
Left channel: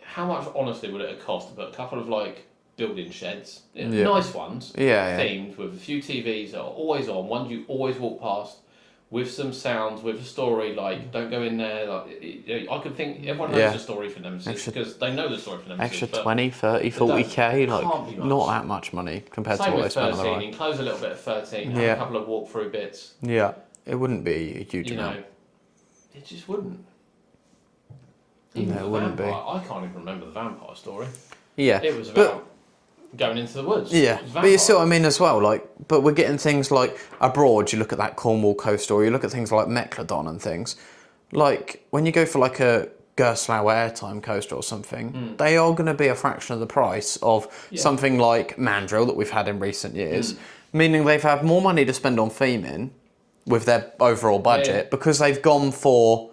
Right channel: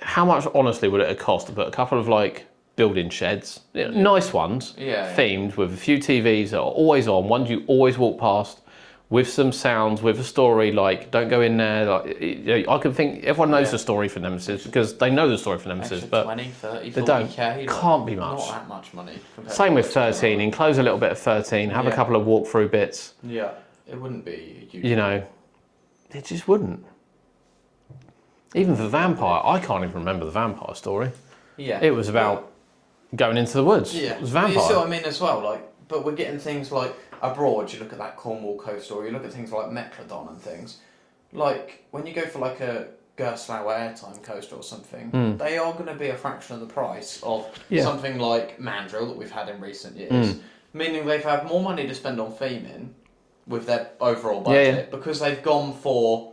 How much, honestly, would it have cost to put a couple of like building sheds, nice ones, themed with a few TVs that are always on, ones you always walk past, with some sounds, with a story, like, don't go in there. Like, I can think, everyone knows the story for Nemesis because they know the story for Nemesis. Extra 20, 30, 40k, like, can't be much. Not that much money compared Same to with 13, enclose a little bit of 13, have a couple of walkthrough bits. Yeah, it wouldn't be a huge amount. It just wouldn't. Even the vampire, I can't even remember the vampire story. Yeah. It was about... going into the woods. Yeah, but you see what I mean as well. Like, but we're getting things like abroad. You look at that Cornwall coast, or you look at things like Megalodon and things. Like when you go for like a Gerstlauer airtime coaster or something, they are going to be a fraction of the price of something like Mandrill that we've had in recent years. Meaning they've had more money to spend on theming with their overall budget because they've gone for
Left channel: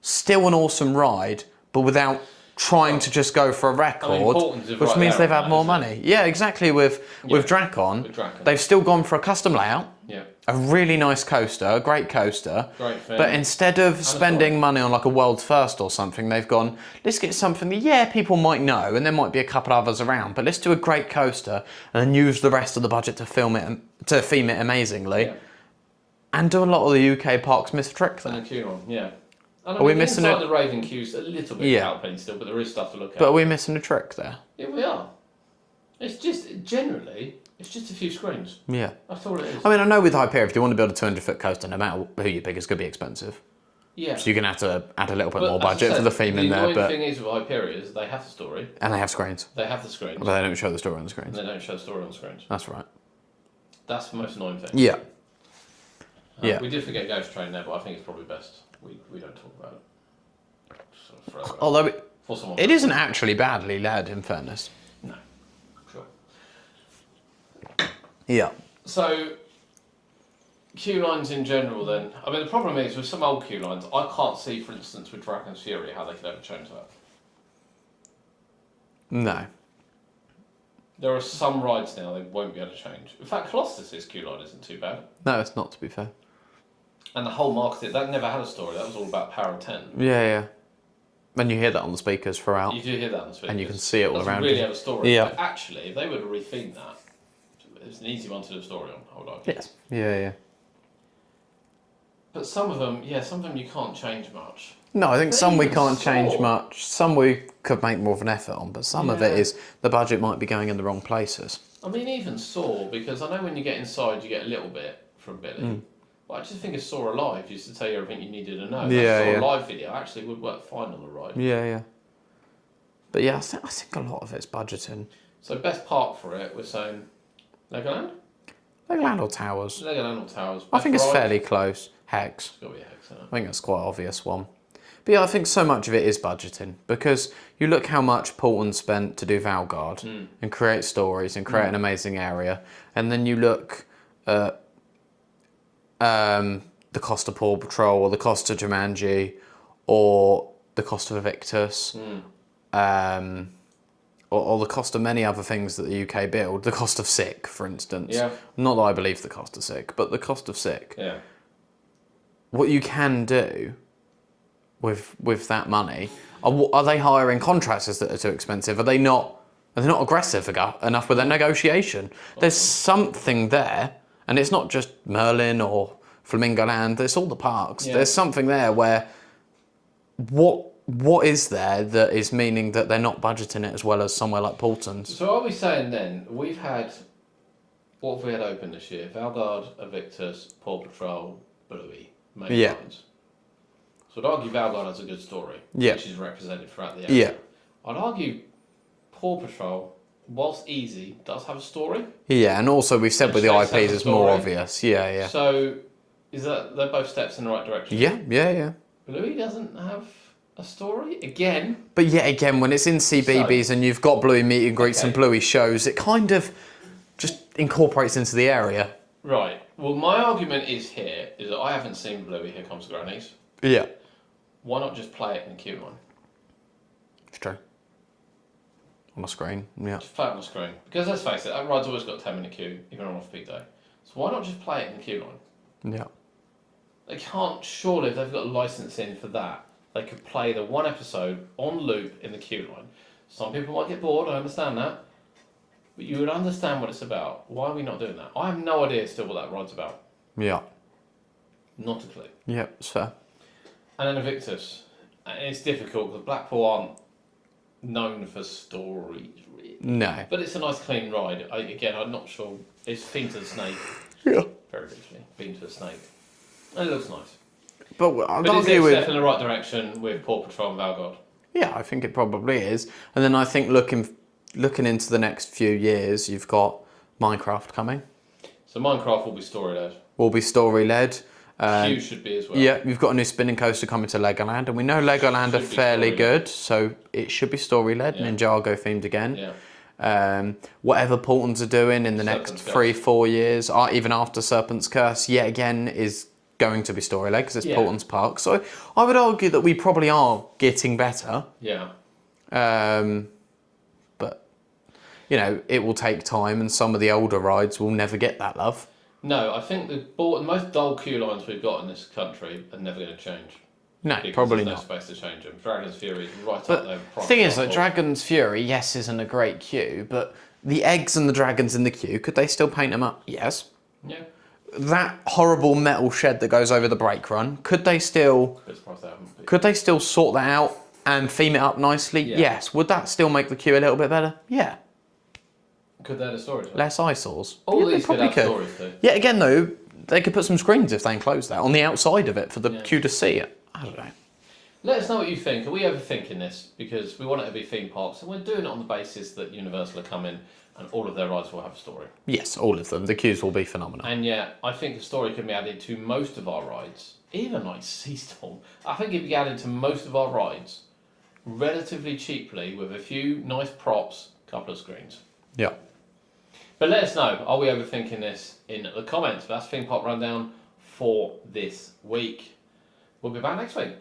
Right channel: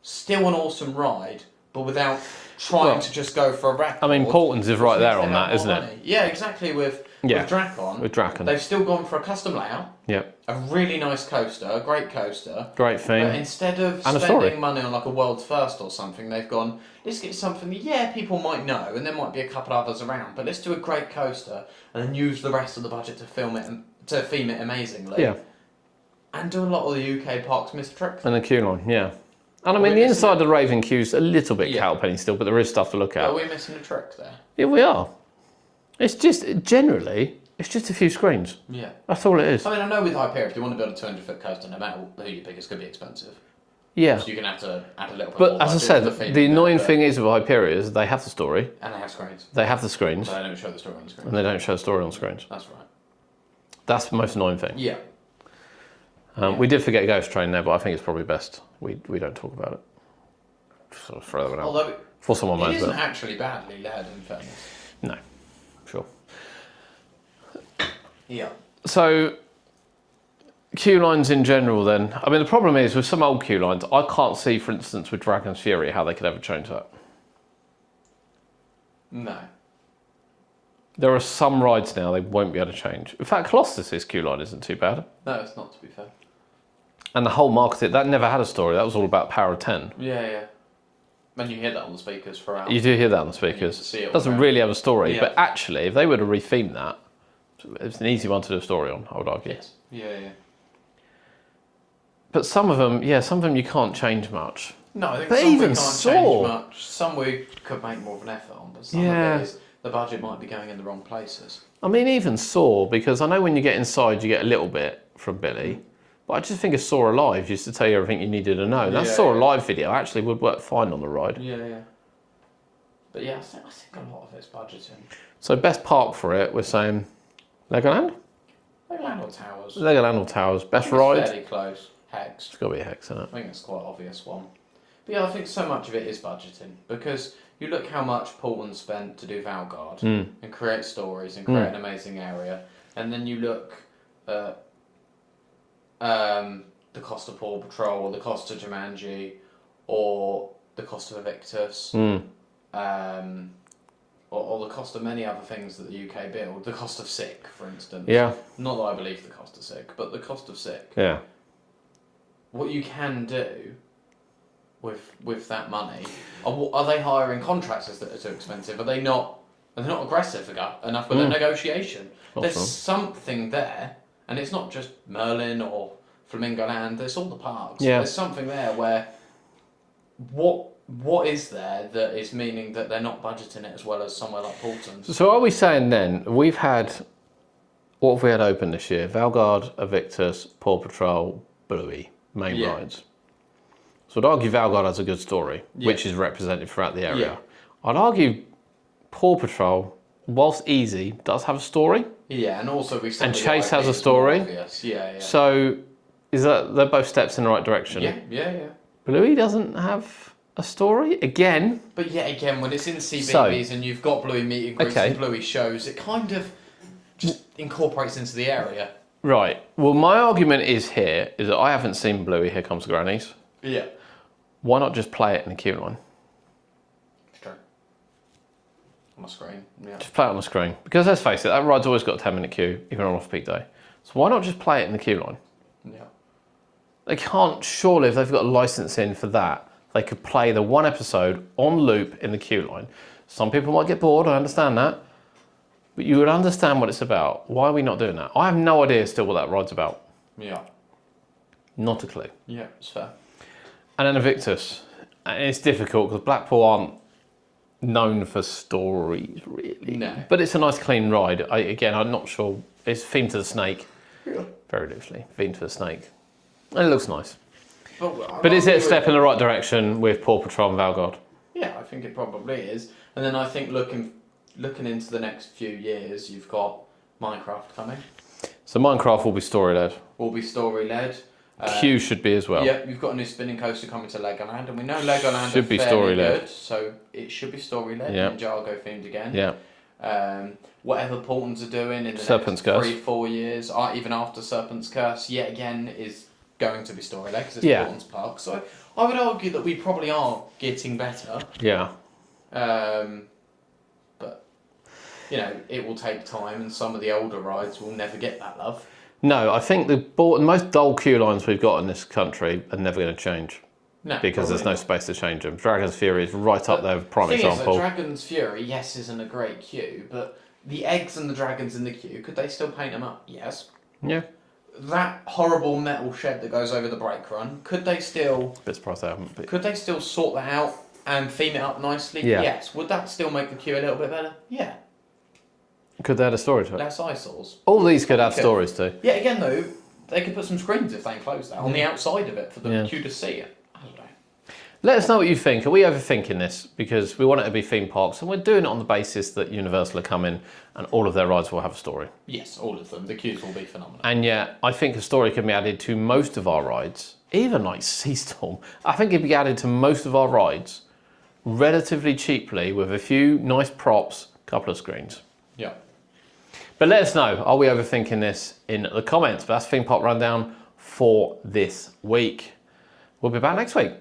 still an awesome ride, but without trying to just go for a record. I mean, Portland's is right which means there they've on had that, more isn't money. Yeah, exactly. With Drakon, they've still gone for a custom layout. Yeah. A really nice coaster, a great coaster. Great thing. But instead of spending money on like a world's first or something, they've gone, let's get something that, people might know, and there might be a couple others around, but let's do a great coaster and then use the rest of the budget to theme it amazingly. Yeah. And do a lot of the UK parks miss the trick. And the queue line, And I mean, the inside of the Raven queue's a little bit cowpenny still, but there is stuff to look at. But are we missing a trick there? Yeah, we are. It's just, generally, it's just a few screens. Yeah. That's all it is. I mean, I know with Hyperion, if you want to build a 200-foot coaster, no matter who you pick, it's going to be expensive. Yeah. So you're going to have to add a little bit But more as I budget said, for the theme. the annoying thing is with Hyperion is they have the story, and they have screens, they have the screens, but they don't show the story on the screens. and they don't show the story on screens. That's right. That's the most annoying thing. Yeah. We did forget Ghost Train there, but I think it's probably best we don't talk about it. Just sort of throw it out. Although For someone it knows isn't it. actually badly led, in fairness. No. Sure. Yeah. So, queue lines in general then. I mean, the problem is with some old queue lines, I can't see, for instance, with Dragon's Fury, how they could ever change that. No. There are some rides now they won't be able to change. In fact, Colossus's queue line isn't too bad. No, it's not, to be fair. And the whole market, that never had a story. That was all about Power of 10. Yeah, yeah. And you hear that on the speakers throughout. You do hear that on the speakers. And you can see it all doesn't around really you. have a story. Yeah. But actually, if they were to retheme that, it's an easy one to do a story on, I would argue. Yes. Yeah, yeah. But some of them you can't change much. No, I think But some we even can't Saw. change much. Some we could make more of an effort on, but some of Yeah. it is the budget might be going in the wrong places. I mean, even Saw, because I know when you get inside, you get a little bit from Billy. But I just think a Saw Alive used to tell you everything you needed to know. That Yeah, Saw yeah. Alive video actually would work fine on the ride. Yeah, yeah. But yeah, I think a lot of it's budgeting. So best park for it, we're saying Legoland? Legoland or Towers? Legoland or Towers. I Best think ride? it's fairly close. Hex. It's got to be a Hex, isn't it? I think that's quite an obvious one. But yeah, I think so much of it is budgeting because you look how much Paulton spent to do Valgard and create stories and create an amazing area, and then you look at the cost of Paw Patrol or the cost of Jumanji or the cost of Evictus or the cost of many other things that the UK build, the cost of Sick, for instance. Yeah. Not that I believe the cost of Sick, but the cost of Sick. Yeah. What you can do with that money, are they hiring contractors that are too expensive? Are they not aggressive enough with their negotiation? There's something there, and it's not just Merlin or Flamingo Land, it's all the parks. Yeah. There's something there where what is there that is meaning that they're not budgeting it as well as somewhere like Paulton's? So are we saying then, what have we had open this year? Valgard, Evictus, Paw Patrol, Bluey, main Yeah. rides. So I'd argue Valgard has a good story, Yeah. which is represented throughout the area. Yeah. I'd argue Paw Patrol, whilst easy, does have a story. Yeah, and also we've said And with the Chase IPs has a it's more story. obvious. Yeah, yeah. So is that they're both steps in the right direction? Yeah, yeah, yeah. Bluey doesn't have a story again. But yet again, when it's in CBBS and you've got Bluey meet and greets Okay. and Bluey shows, it kind of just incorporates into the area. Right. Well, my argument is that I haven't seen Bluey. Here Comes the Grannies. Yeah. Why not just play it in the queue line? It's true. On the screen, yeah. Just play it on the screen. Because let's face it, that ride's always got a 10-minute queue, even on off-peak day. So why not just play it in the queue line? Yeah. They can't, surely, if they've got a license in for that, they could play the one episode on loop in the queue line. Some people might get bored, I understand that. But you would understand what it's about. Why are we not doing that? I have no idea still what that ride's about. Yeah. Not a clue. Yeah, it's fair. And then Evictus. And it's difficult because Blackpool aren't known for stories, really. No. But it's a nice, clean ride. I'm not sure. It's themed to the snake. Yeah. Very loosely. Themed to the snake. And it looks nice. But But is it a step in the right direction with Paw Patrol and Valgard? Yeah, I think it probably is. And then I think looking into the next few years, you've got Minecraft coming. So Minecraft will be story-led. Will be story-led. Q should be as well. Yeah, you've got a new spinning coaster coming to Legoland, and we know Legoland Should are be fairly story-led. good, so it should be story-led Yeah. and Ninjago themed again. Yeah. Whatever Paultons are doing in the Serpent's next Curse. 3-4 years, or even after Serpent's Curse, yet again is going to be story-led because it's Yeah. Paulton's Park. So I would argue that we probably are getting better, Yeah. but you know it will take time, and some of the older rides will never get that love. No, I think the most dull queue lines we've got in this country are never going to change. No, Because probably there's no not. space to change them. Dragon's Fury is right up there, prime The thing example. is that Dragon's Fury, yes, isn't a great queue, but the eggs and the dragons in the queue, could they still paint them up? Yes. Yeah. That horrible metal shed that goes over the brake run, could they still Bit surprised they haven't. But sort that out and theme it up nicely? Yeah. Yes. Would that still make the queue a little bit better? Yeah. could they add a story to it? Less eyesores. All Yeah, these they could have probably stories too. Yeah, again though, they could put some screens if they enclose that on the outside of it for the Yeah. queue to see it. I I don't know. Let us know what you think. Are we overthinking this? Because we want it to be theme parks, and we're doing it on the basis that Universal are coming and all of their rides will have a story. Yes, all of them. The queues will be phenomenal. And yet, I think a story can be added to most of our rides, even like Seastorm. I think it can be added to most of our rides relatively cheaply with a few nice props, couple of screens. Yeah. But let us know, are we overthinking this in the comments? But that's Theme Park Rundown for this week. We'll be back next week.